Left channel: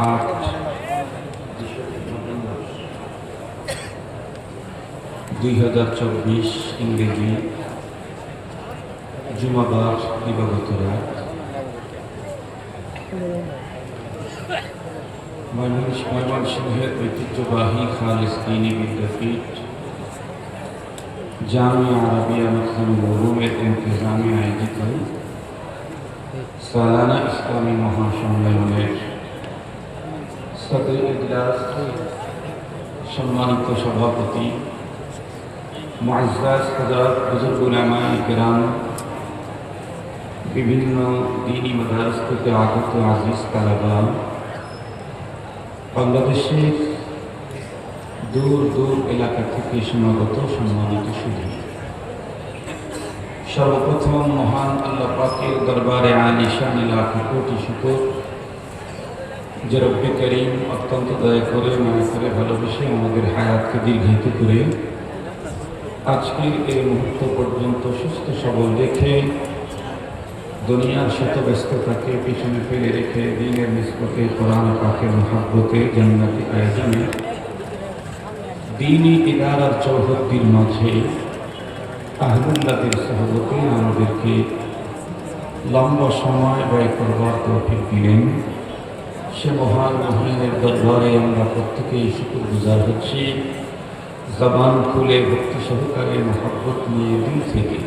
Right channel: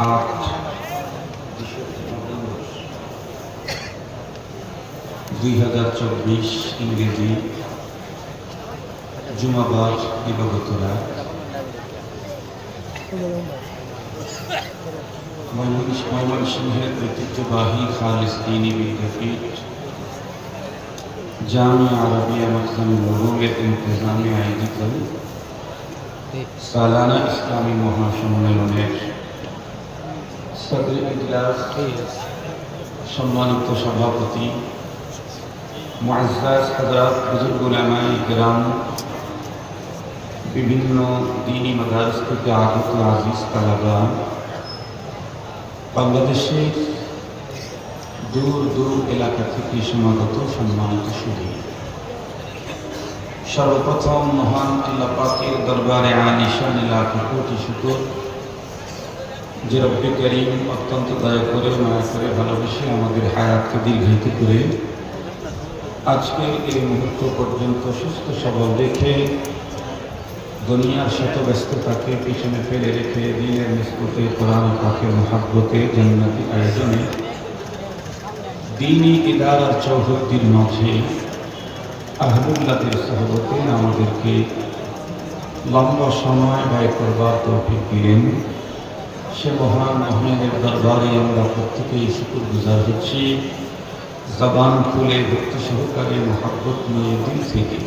8/2024 ইংরেজি জুমাবার দিবাগত রাত ময়মনসিংহের ঐতিহ্যবাহী খালিস দ্বীনি বিদ্যাপীঠ জামিয়া আরবিয়া মুসলিমুল উলুমের ইন্তেজামে আয়োজিত সালানা ইসলামী মহাসম্মেলনের সদর ইজলাস সম্মানিত সভাপতি মুআজ্জাজ হযরত বুজুর্গ উলামায়ে কিরাম, বিভিন্ন দ্বীনি মাদারিস থেকে আগত আজিজ তালাবা, বাংলাদেশের দূর দূর এলাকা থেকে সমাগত সম্মানিত সুধী, সর্বপ্রথম মহান আল্লাহ পাকের দরবারে আলিশান লাখ কোটি শুকর যে রব্বে করিম অত্যন্ত দয়া করে মায়া করে ভালোবেসে আমাদের হায়াতকে দীর্ঘায়িত করে আজকের এই মুহূর্ত পর্যন্ত সুস্থ সবল রেখে দুনিয়ার শত ব্যস্ততাকে পিছনে ফেলে রেখে দ্বীনের নিসবতে কোরআন পাকের মহাব্বতে জান্নাতি আয়োজনে দ্বীনি ইদারার চৌহদ্দির মাঝে আহলুল্লাহদের সহবতে আমাদেরকে লম্বা সময় ব্যয় করবার তৌফিক দিলেন। সে মহান মহিনের দরবারে আমরা প্রত্যেকেই শুকরগুজার হচ্ছি। জবান খুলে ভক্তি সহকারে মহাব্বত নিয়ে দিল থেকে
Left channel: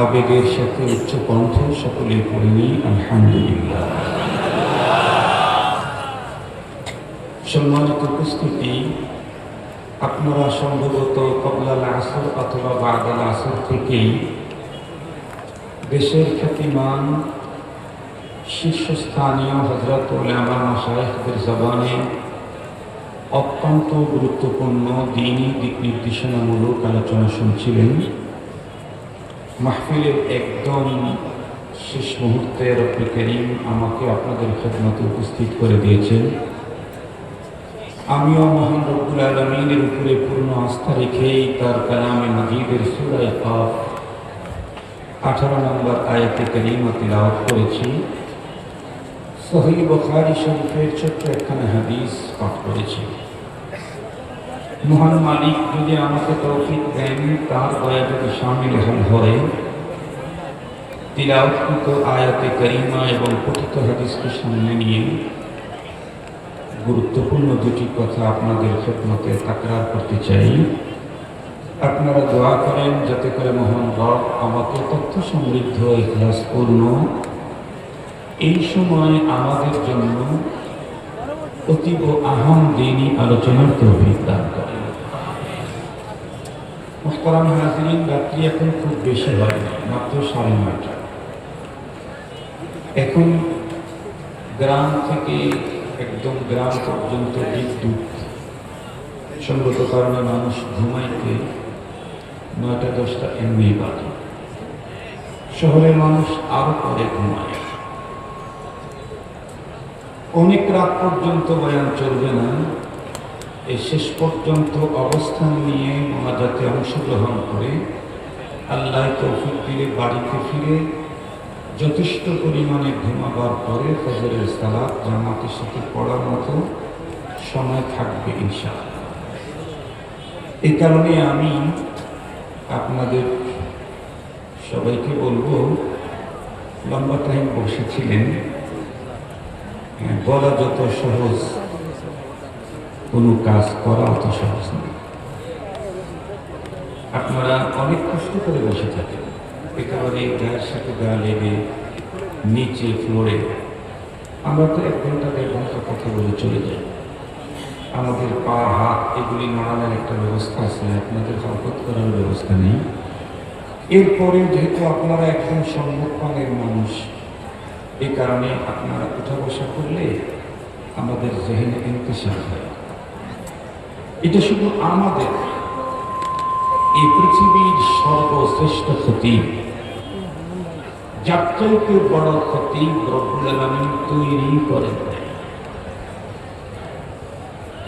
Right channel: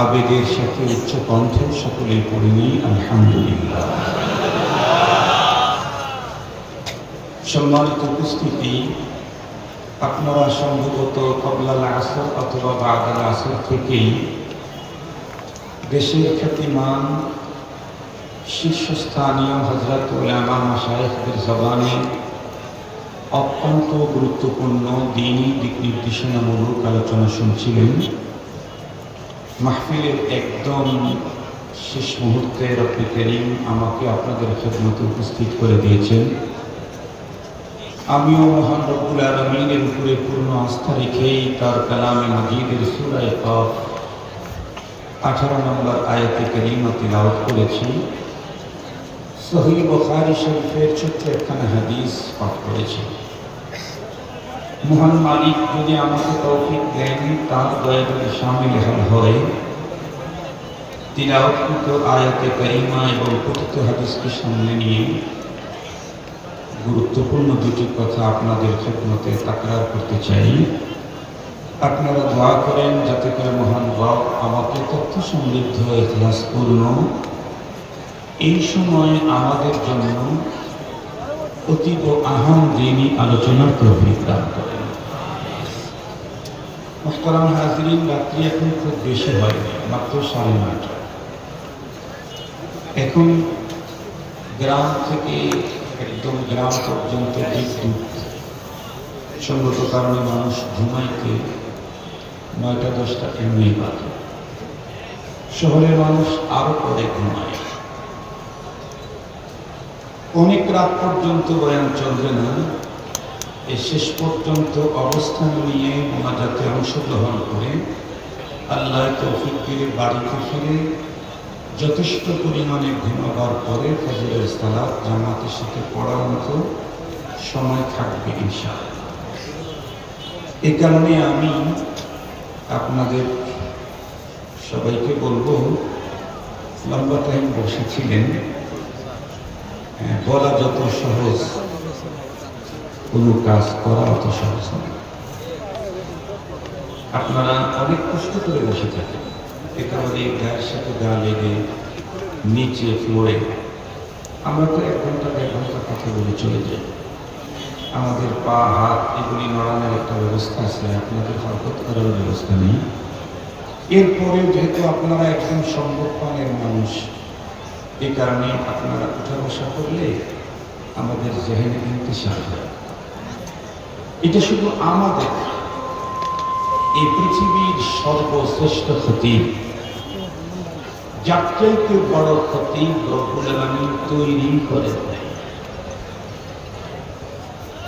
আবেগের সাথে উচ্চ কণ্ঠে সকলে পড়ে নিই আলহামদুলিল্লাহ। সম্মানিত উপস্থিতি, আপনারা সম্ভবত কবলাল আসর অথবা বাদাল আসর থেকেই দেশের খ্যাতিমান শীর্ষস্থানীয় হযরত উলামা মাশায়েখদের জবানে অত্যন্ত গুরুত্বপূর্ণ দ্বীনি দিক নির্দেশনামূলক আলোচনা শুনছিলেন। মাহফিলের একদম শেষ মুহূর্তে রব্বে করিম আমাকে আপনাদের খেদমতে উপস্থিত করে দিয়েছেন। আমিও মহান রব্বুল আলামিনের উপরে পূর্ণ আস্থা রেখেই তার কালামে মাজিদের সূরা কাফ 18 নম্বর আয়াতে কারিমা তিলাওয়াত করেছি। সহিহ বুখারী শরীফের ছোট্ট একখানা হাদিস পাঠ করেছি। মহান মালিক যদি আমাকে তৌফিক দেন, তার দয়া যদি শামিল হয়, তিলাওয়াতকৃত আয়াতে কারিমা এবং কথিত হাদিসকে সামনে নিয়ে গুরুত্বপূর্ণ দুটি কথা আপনাদের খেদমতে তাকরার করতে চাই। আপনারা দোয়া করেন যাতে করে মহান রব আমাকে তথ্য সমৃদ্ধ ইখলাসপূর্ণ এই সময় আমাদের জন্য অতীব আহাম দ্বীনি আলোচনার তৌফিক দান করেন। মুহতারাম হাজিরিন, রাত্রি এখন খুব বেশি হয়নি, মাত্র 9:30। এখন গ্রাম থেকে একদম গ্রাম পর্যন্ত বিদ্যুৎ সঙ্গত কারণে মানুষ ঘুমাইতে 9টা-10টা এমনি বাজে। শহরের মানুষ আরো পরে ঘুমায়। অনেক রাত পর্যন্ত বয়ান চলবে না। এই শেষ পর্যন্ত অবস্থান নিয়ে মোনাজাতে অংশগ্রহণ করে আল্লাহ তৌফিক দিলে বাড়িতে ফিরে যথেষ্ট পরিমাণে ঘুমাবার পরে ফজরের সালাত জামাতের সাথে পড়ার মতো সময় থাকবে ইনশাআল্লাহ। এই কারণে আমি আপনাদের সবাইকে বলবো, লম্বা টাইম বসেছিলেন, বলা যত সহজ, কোনো কাজ করা অত সহজ না। আপনারা অনেক কষ্ট করে বসে থাকেন, এ কারণে গায়ের সাথে গা লেগে নিচে ফ্লোরে আমরা তো 1 ঘন্টা 1.5 ঘন্টা কথা বলে চলে যাই। আমাদের পা হাত এগুলি নড়ানোর একটা ব্যবস্থা আছে, আপনাদের হরকত করার ব্যবস্থা নেই। এরপরেও যেহেতু আপনারা একদম সম্মুখপানের মানুষ, এই কারণে আপনারা উঠা বসা করলে আমাদের জেহেনে ইন্তিশাল হয়। এটা শুধু আমাদের এই পৃথিবীর সর্বশ্রেষ্ঠ ক্ষতি, যার চাইতে বড় ক্ষতি রব্বুল আলামিন তৈরি করেন,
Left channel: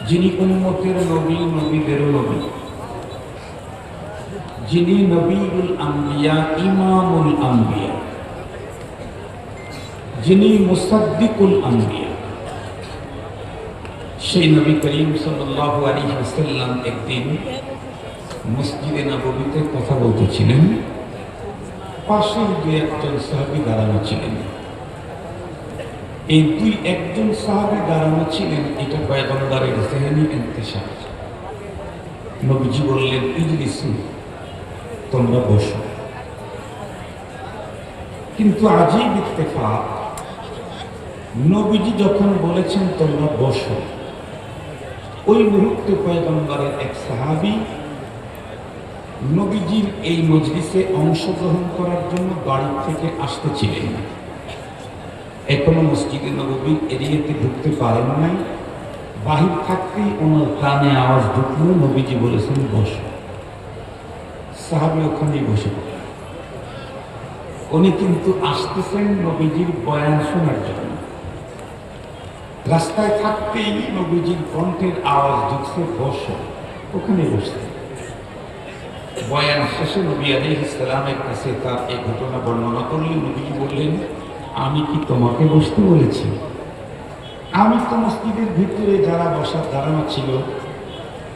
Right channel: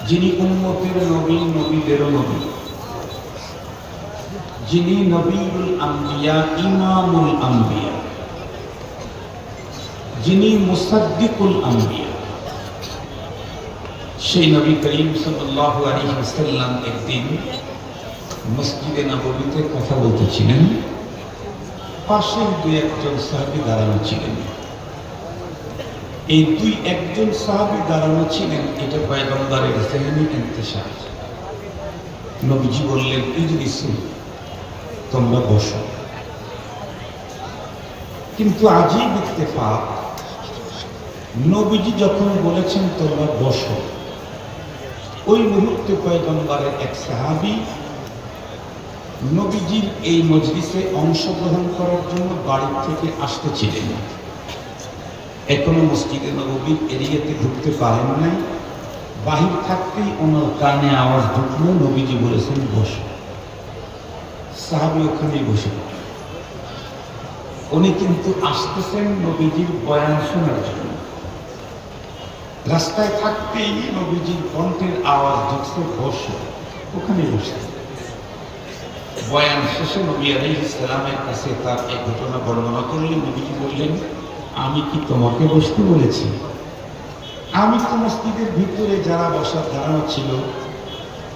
যিনি উম্মতের নবী, নবীদেরও নবী, যিনি নবীউল আম্বিয়া, ইমামুল আম্বিয়া, যিনি মুসাদ্দিকুল আম্বিয়া, সেই নবী করিম সাল্লাল্লাহু আলাইহি ওয়াসাল্লাম একদিন মসজিদে নববীতে কথা বলতেছিলেন, পাশে দুই একজন সাহাবী দাঁড়ানো ছিলেন। এই দুই একজন সাহাবী দাঁড়ানো ছিলেন, এটা পয়গম্বরের জেহনি ইন্তেশার। নবীজি বললেন, ইজলিসু, তোমরা বসো। কিন্তু আজীব ইত্তেফাক, নবীজি যখন বলেছেন তোমরা বসো, ওই মুহূর্তে পয়গম্বরের এক সাহাবী নবীজির এই মজলিসে অংশগ্রহণ করার জন্য বাড়ি থেকে আসতেছিলেন। এখনো মসজিদে নববীর এরিয়াতে ঢুকতে পারেন নাই, বাহির থাকতেই ওনার কানে আওয়াজ ঢুকলো, নবীজি বলেছেন বসো। সাহাবী ওখানেই বসে পড়লেন। উনি কিন্তু আসতেছেন নবীজির বয়ান শোনার জন্য। রাস্তায় থাকতেই নবীজির কণ্ঠের আওয়াজ ঢুকছে, বসো। ওখানে বসতে বয়ান শেষে নবী আলাইহিস সালামের কাছে তার এই ঘটনা বর্ণনা করলে নবীজি বললেন, আমি কি তোমাকে বসতে বলেছি? আমি তো মসজিদের ভিতরে যারা বসার দাঁড়ানো ছিল,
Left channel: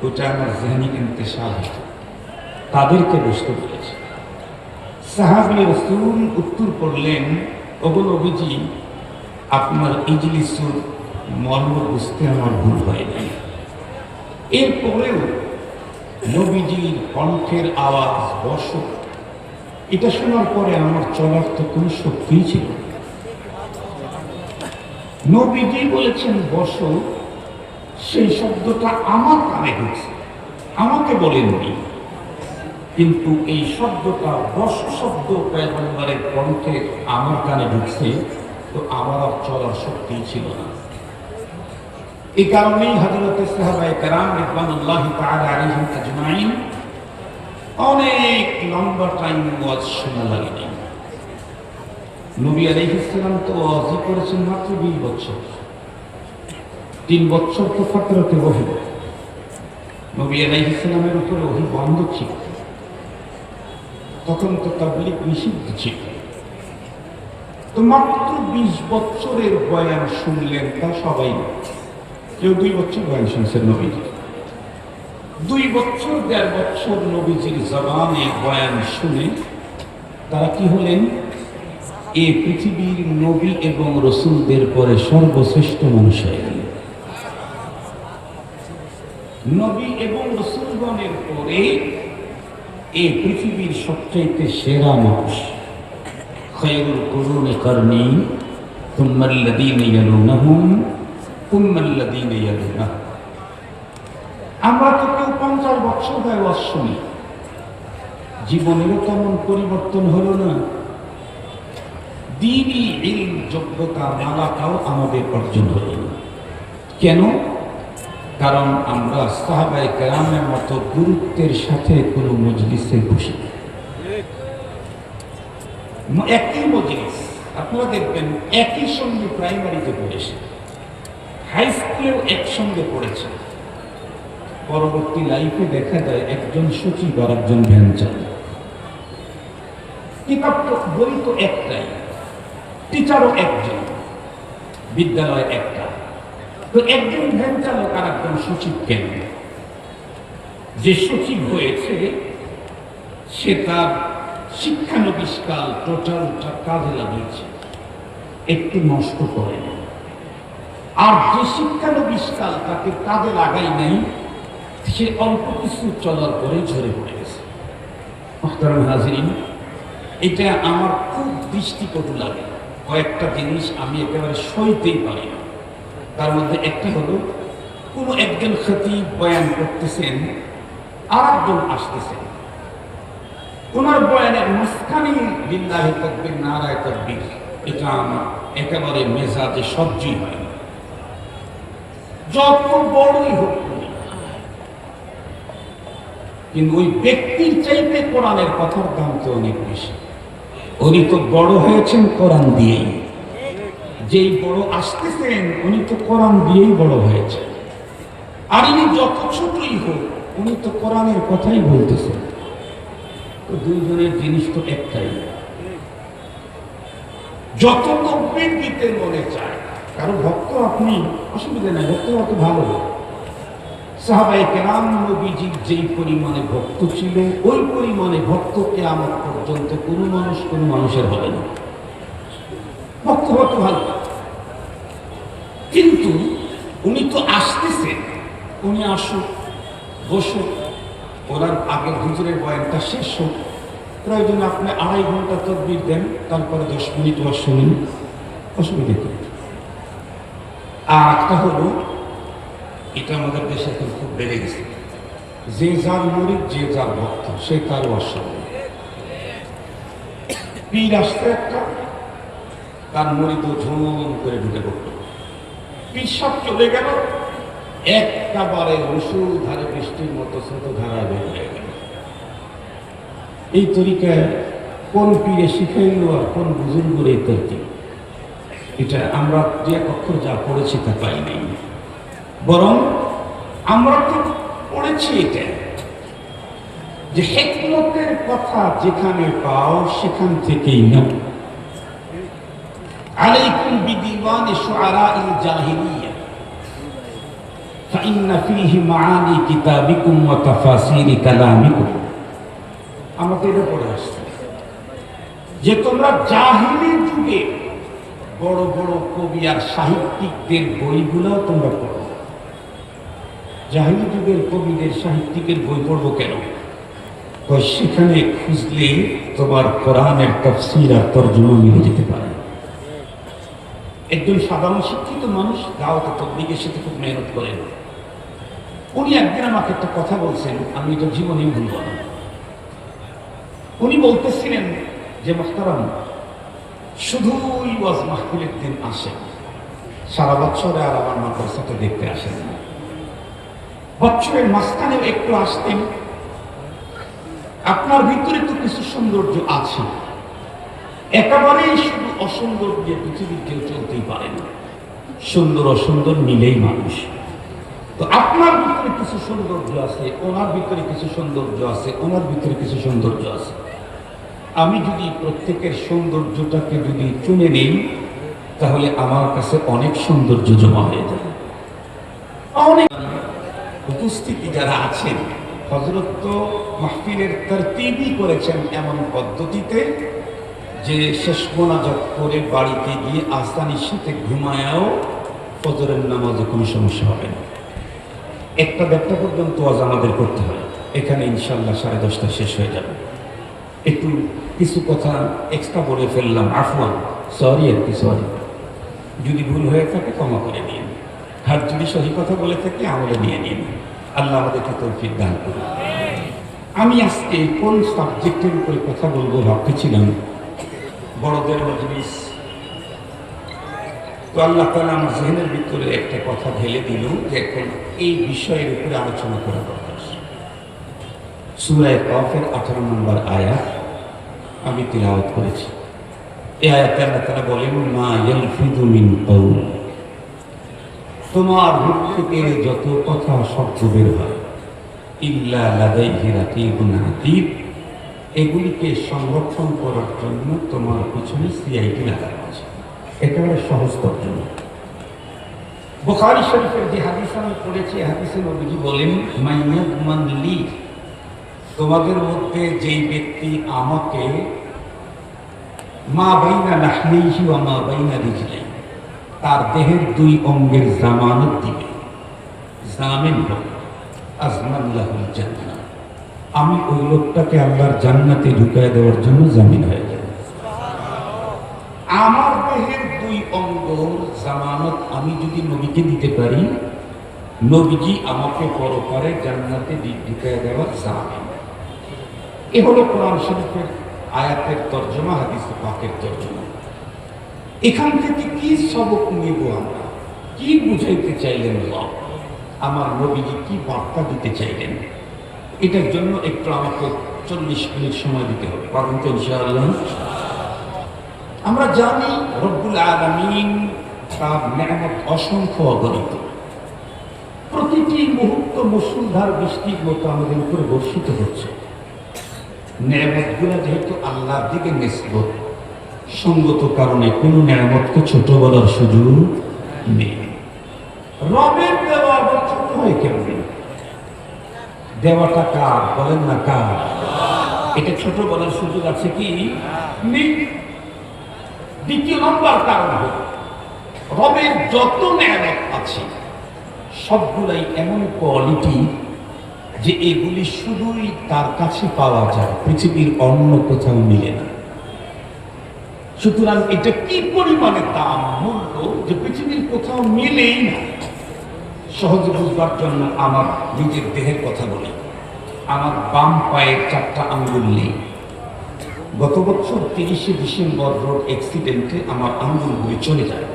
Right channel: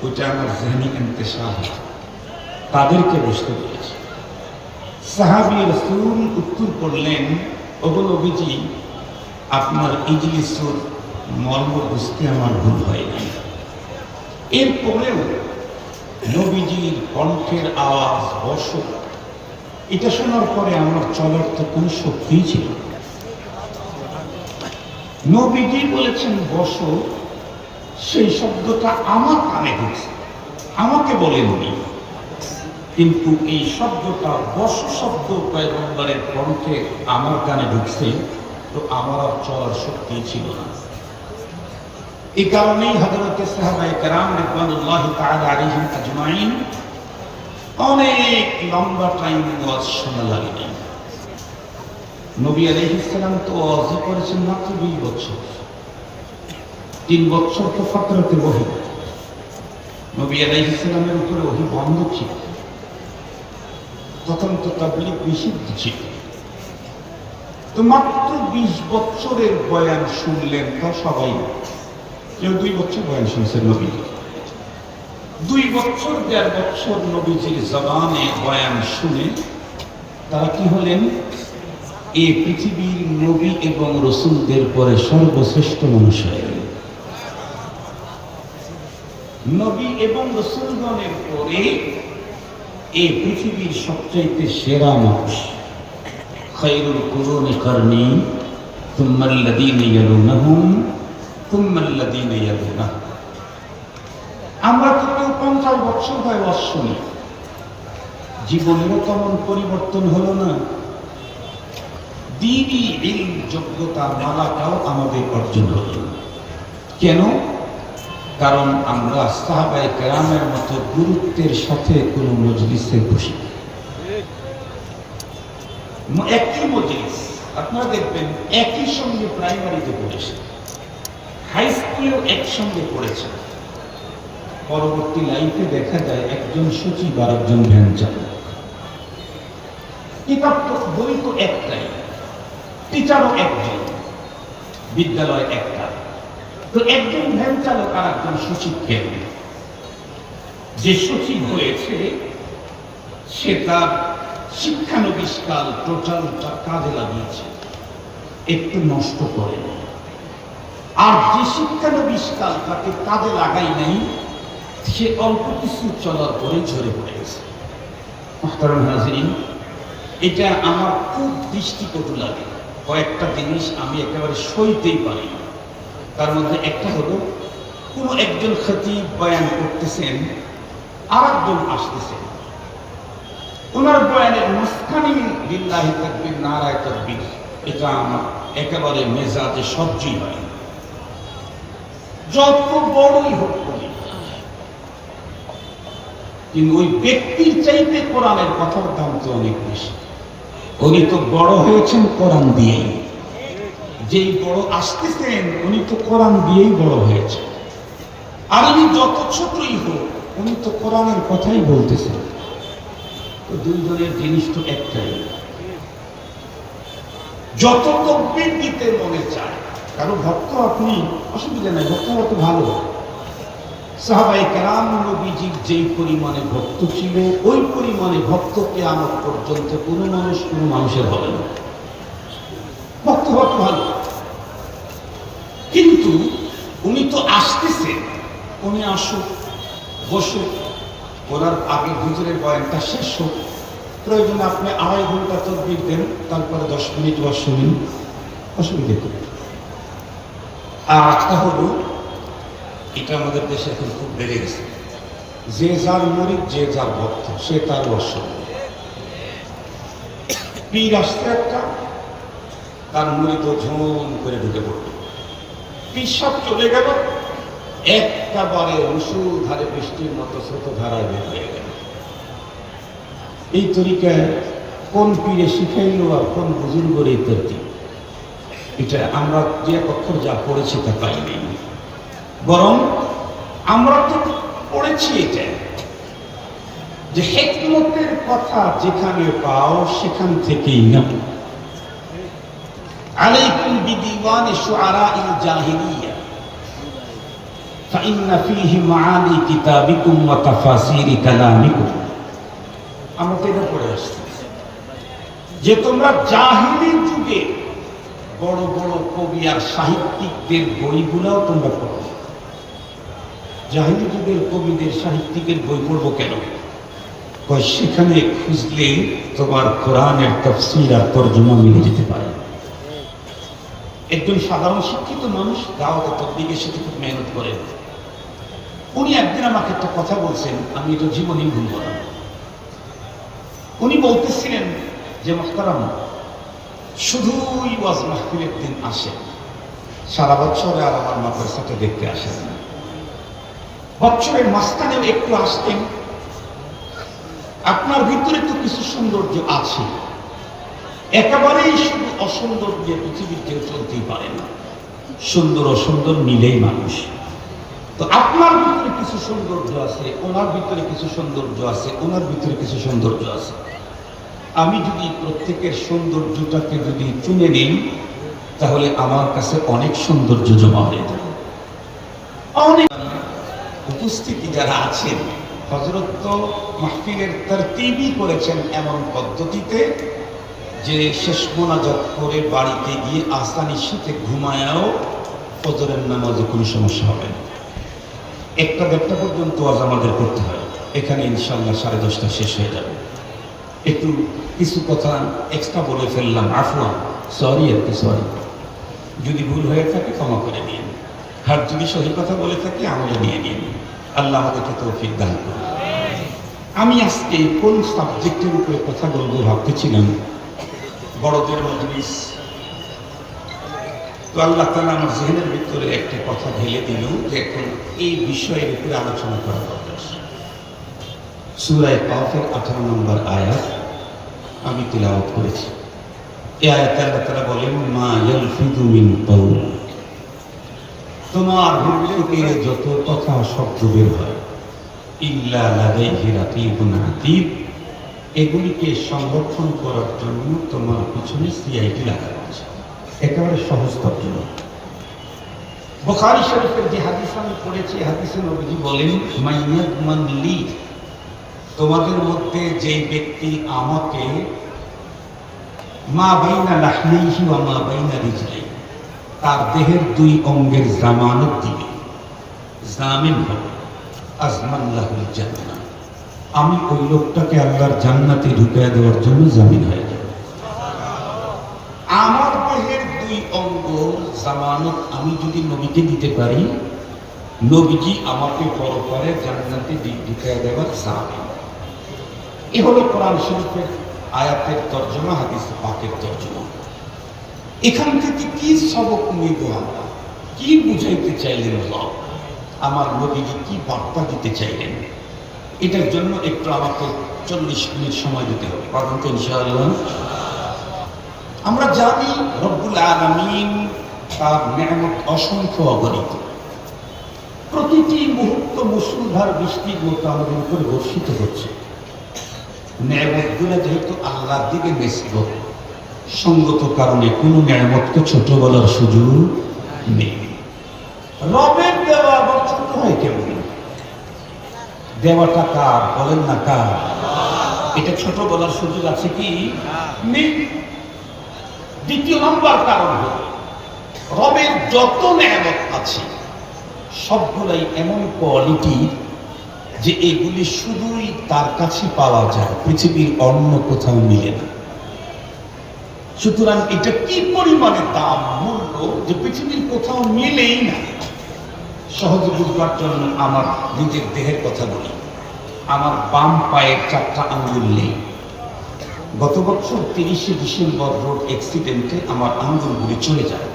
ওটা আমার জেহনি ইন্তেশার, তাদেরকে বসতে বলেছি। সাহাবী রাসূল উত্তর করলেন, ওগো নবীজি, আপনার ইজলিসুর মর্ম বুঝতে আমার ভুল হয় নাই। এরপরেও নবীজির কণ্ঠের আওয়াজ বসো, এটা শোনার পরে আমার চলার তো কোনো শক্তিই ছিল না। নবীজি বলেছেন বসো, সেই শব্দটা আমার কানে ঢুকছে, আমাকে বলেননি। কিন্তু এই শব্দটা বসো শব্দ পয়গম্বরের কণ্ঠে আমার কানে ঢুকছে, তো আমার আর চলার শক্তি ছিল না। এই কারণেই হযরতে সাহাবায়ে কেরাম রিদওয়ানুল্লাহি তাআলা আলাইহিম আজমাইন অনেক লম্বা টাইম ওয়াজ শোনা লাগেনি। নবী আলাইহিস সালাম তো ওয়াজ করেছেন মাত্র 20 বছর। 3 বছর তো ফাতরাতে ওহী, নবী আলাইহিস সালামের উপরে ওহী বন্ধ ছিল, তখন তো তাবলীগ নিষিদ্ধ ছিল। তো মাত্র 20 বছরের বয়ান শুনলেন তা সবাই। কেউ 2 বছর বয়ান শুনছেন নবীজি, 2 বছর 1.5 বছর নবীজির জবানে বয়ান শুনে তারা কি হলেন? এই পৃথিবীর নবী এবং রসুলদের পরে সর্বশ্রেষ্ঠ মানুষ হয়ে গেলেন। নবী এবং রসুলগণের পরে এই পৃথিবীর সবচাইতে সেরা মানুষ। খায়রুল কুরুনি কারনি থুম্মা আল্লাযীনা ইয়ালুনাহুম থুম্মা আল্লাযীনা ইয়ালুনাহুম। আমরা তো কেউ 50 বছর হয় ওয়াজ শুনি, জীবনেরও তেমন পরিবর্তন হলো না। দ্বীনি ইলম যোগ্যতা মালাটাও আমাদের অর্জন হলো না। কেন? কারণ আমরা সাহাবায়ে কেরামের মতো গুরুত্বের সাথে কোনো মজলিসে বসি। একই মজলিস আপনারা দেখবেন একই সঙ্গে প্রাইমারিতে পড়েছে, হাই স্কুলেও একসঙ্গে পড়েছে, পরবর্তী লাইফে দেখা যায় একজন সচিব আর একজন ভ্যান চালক। কিতাব তো বই তো একটাই, টিচারও একজন, বিদ্যালয় একটা, তো একজন ভ্যান চালক আর একজন সচিব কেন? যে সচিব হয়েছে সে তার শিক্ষানবিষ্কাল টোটালটা কাজে লাগিয়েছে, একটু নষ্ট করেনি। আর যে শিক্ষানবিষ্কাল তাকে কাজে লাগাই নাই, সে অল্প কিছু চলার পরে ঝরে পড়ে গেছে। মুহতারাম হাজিরিন, এটা আমার খুব দৃষ্টিকটু লাগে। কয়েকটা জিনিস আমি একেবারে সইতেই পারি না। তার মধ্যে একটা হলো, কোনো একজন খতিব বয়ান করতেছেন, আর একজন আসতেছেন, ওনার বয়ানের মাঝখানে লিল্লাহি তাকবীর নারায়ে তাকবীর, এটা আমার একেবারে মেজাজে সহ্যই হয় না। যত বড়ই হোক, কিন্তু ওই ব্যক্তির চাইতে কোরআনের কথার দাম তো অনেক বেশি। উনি তো বড় হয়েছেন কোরআন দিয়েই, যেই বড় আসতেছেন উনি তো কোরআন দিয়েই বড় হয়েছে। আর উনি যত ছোটই হোক, উনি তো কোরআনের কথাই বলতেছেন। তো দুইজনের জিনিস তো একটাই, যত তাকবীর দিতে মনে চায় কারো ভক্ত আপনি, অসুবিধা নেই, ভক্ত হওয়া তো ভালো। সাহাবায়ে কেরাম নবীজির যেই পরিমাণে ভক্ত ছিল, ওই পরিমাণে ভক্ত কিয়ামত পর্যন্ত কোনো মানুষের হবে না। ভক্ত হওয়া তো ভালো, কিন্তু উনি তো আসতেছেন, উনি আসুক, বসুক, ওনার আগে হুজুরের বয়ানটা শেষ হোক, প্রয়োজনে আপনি 2.5 ঘন্টা তদবির দেন, তারপরে 10 মিনিট বা শুনুন, অসুবিধা কি? আর একটা হলো, এটা আমাদের দেশে এখন খুব বেড়ে গেছে, যে যার মুরিদ, যে যার ভক্ত, সে তার অসুবিধা। পীর আসতে একটা, তার মুরিদ ঝুম করে ঢুকে পড়ল, পীর সব চলে গেল, একেবারে মুষলধারে বৃষ্টির মতো ছোট ধারায় বের হয়ে গেল। এই তরিকায় কোন পীরে শিখাইল আর কোন বুজুর্গের এই তরতিব, এটা আমরা যে অক্ষর যা পড়েছি তা পাই নাই, বরং আমরা তো পড়েছি এটা যে হিকমতের কথা যেখানে পাও সেখান থেকেই না। আলাইকুম বিদিওয়ানি শুআরাইল জাহিলিয়া ফাইন্না ফীহি মাআনি কিতাবিকুম ওয়া তাফাসিরি কালামিকুম। আমরা তো এটা পড়ে আসছি যে তোমরা জাহিলি যুগে বড় বড় কবি আর সাহিত্যিকদের বইগুলোও তোমরা পড়ো। জাহিলি যুগের কবিদের সাহিত্যিকের বই পড়বো কেন? সেখানে খুঁজলে তোমার কোরআনের তাফসীর আর তরজমা মিলে যেতে পারে। একজন সাধারণ শিক্ষিত মানুষ দাওয়াতে তাবলীগের সাথে খুব মেহনত করেন। উনি একদিন আমাকে একটা কথা বলছেন, আমি এটা জীবনেই ভুলব না। উনি বলতেছিলেন যে মুহতারাম, শুধুই ওয়াজ মাহফিলের দিন আসেন, সারা বছরে আর আমার মাদ্রাসাতে দেখতে আসেন না। বছরের মাঝখানেও একটু আসতেন, আপনার ভিতরে তো কিছু সৌন্দর্য আছে, একেবারেই শুধু অসৌন্দর্যে পৃথিবীর কেউ চলতেই পারে না। সুন্দর অসুন্দর মিলেই মানুষ। তো আপনার ভিতরে কিছু সৌন্দর্য আছে, ওনার ভিতরে কিছু সৌন্দর্য আছে, ওনার ভিতরে কিছু সৌন্দর্য আছে। আমি যদি প্রত্যেকের সৌন্দর্যটাকে যদি চুনে নিই, তাহলে আমার কাছে অনেক সৌন্দর্য জমা হয়ে যাবে। অনেক উপস্থিতি যারা আছেন, হযরত তো মাহফিলের তরতিবই করেছেন এমন পদ্ধতিতে যে শেষ মোনাজাত করে বাড়িতে গিয়ে আসানির সাথে ঘুমায়াও ফজরের নামাজে কোনো সমস্যা হবে না। 1টা-1:30 পর্যন্ত ওয়াজ আমাদের করতে হয়, এখানে ইনশাআল্লাহ 10:30 শেষ হয়ে যাবে। একটু কিছু কথা এক্সট্রা বলে ফেললাম, আফওয়ান, সরি, একটু সরি। যদি ভুল হয়ে থাকে ক্ষমা করে নিন, আর যদি সহি কথা বলে থাকি আমলে নিয়ে নিন। আল্লাহ আমাদেরকে তৌফিক দান করুন। আমি আজকে কোন সাবজেক্টের উপরে কথা বলবো ভাবতেছিলাম, বড়দের মজলিস, তো আল্লাহ তাআলা আমার জেহেনের ভিতরে একটা কথা ঢেলে দিল যে এখন এই বিষয়ের উপরে আলোচনা করা দরকার। সূরা কাফের 18 নম্বর আয়াত আমি তিলাওয়াত করেছি। এই আয়াতে আল্লাহ তাআলা বলেন, মা ইয়ালফিযু মিন কাউল, তোমার মুখ থেকে যত কথা শব্দ বের হয়, ইল্লা লাদাইহি রাকিবুন আতীদ, এগুলিকে সংরক্ষণ করার জন্য তোমার পিছনে সিআইডি লাগানো আছে। একেবারে সহজ তর্জমা। বুখারী শরীফের যে হাদিস আমি পড়েছি, হাদিসে নবীজি বলেন, মাইয়াদমান লি, তোমাদের মধ্যে যেই ব্যক্তি আমাকে মা বাইনা লাহমিহি ওয়া মা বাইনা রিজলাই, তার দেহের 2 অঙ্গের জামানত দিবে, জামিন হবে, আজমান লাহুল জান্নাহ, আমি ওই লোকটাকে আল্লাহর জান্নাতে ঢুকিয়ে দেওয়ার জন্য জামিন হয়ে যাবে। আমার দেহের 2 অঙ্গ জামানত আমি যদি নবীকে দিতে পারি, নবীজি আমাকে পরকালে জান্নাতে ঢুকিয়ে দেওয়ার জামিন। এ হলো কোরআন শরীফের আয়াতের তর্জমা, হাদিসে পাকের তর্জমা। এখান থেকে কি সবক নিব আমরা, কি বুঝাইতে চাইলেন আল্লাহ, আমার নবীজি কি বার্তা দিতে চাইলেন, এটার জন্য একটু আমাকে 40 মিনিট সময় দিতে হবে, পারবেন তো ইনশাআল্লাহ? আমরা জানি রব্বুল আলামিন তার নিয়ামত অসংখ্য অগণিত, প্রতিটি মুহূর্ত মুষলধার বৃষ্টির মতো আমাদের উপরে বর্ষিত হচ্ছে। নিয়ামতগুলো যেহেতু আল্লাহর দিকে নিসবত, সঙ্গত কারণে কোনো নিয়ামতকে ছোট বলার সুযোগ নেই। রবের দেওয়া আবার ছোট হয় কেমন? দেওয়াটা কার বলেন না, কার? এটা ছোট বলার সুযোগ আছে কি? নেই। দ্বিতীয় নম্বর কারণ হল রবের যত নেয়ামত আছে সবগুলাই এমন কোয়ালিটি যে এগুলি শুধুই তার কাছে পাওয়া যায়, পৃথিবীর অন্য কোথাও মিলে না। সুতরাং এটা কি পরিমাণে দাম, মূল্য, যে পৃথিবীর কোথাও মিলেই না। সহজে বুঝবার জন্য আমার নিজের দেহের কথা বলি। আমার বাম পায়ের 4টা আঙ্গুল নেই। গত বছর 30শে ডিসেম্বর রোড অ্যাক্সিডেন্টে আমার আঙ্গুলগুলি চলে যায়।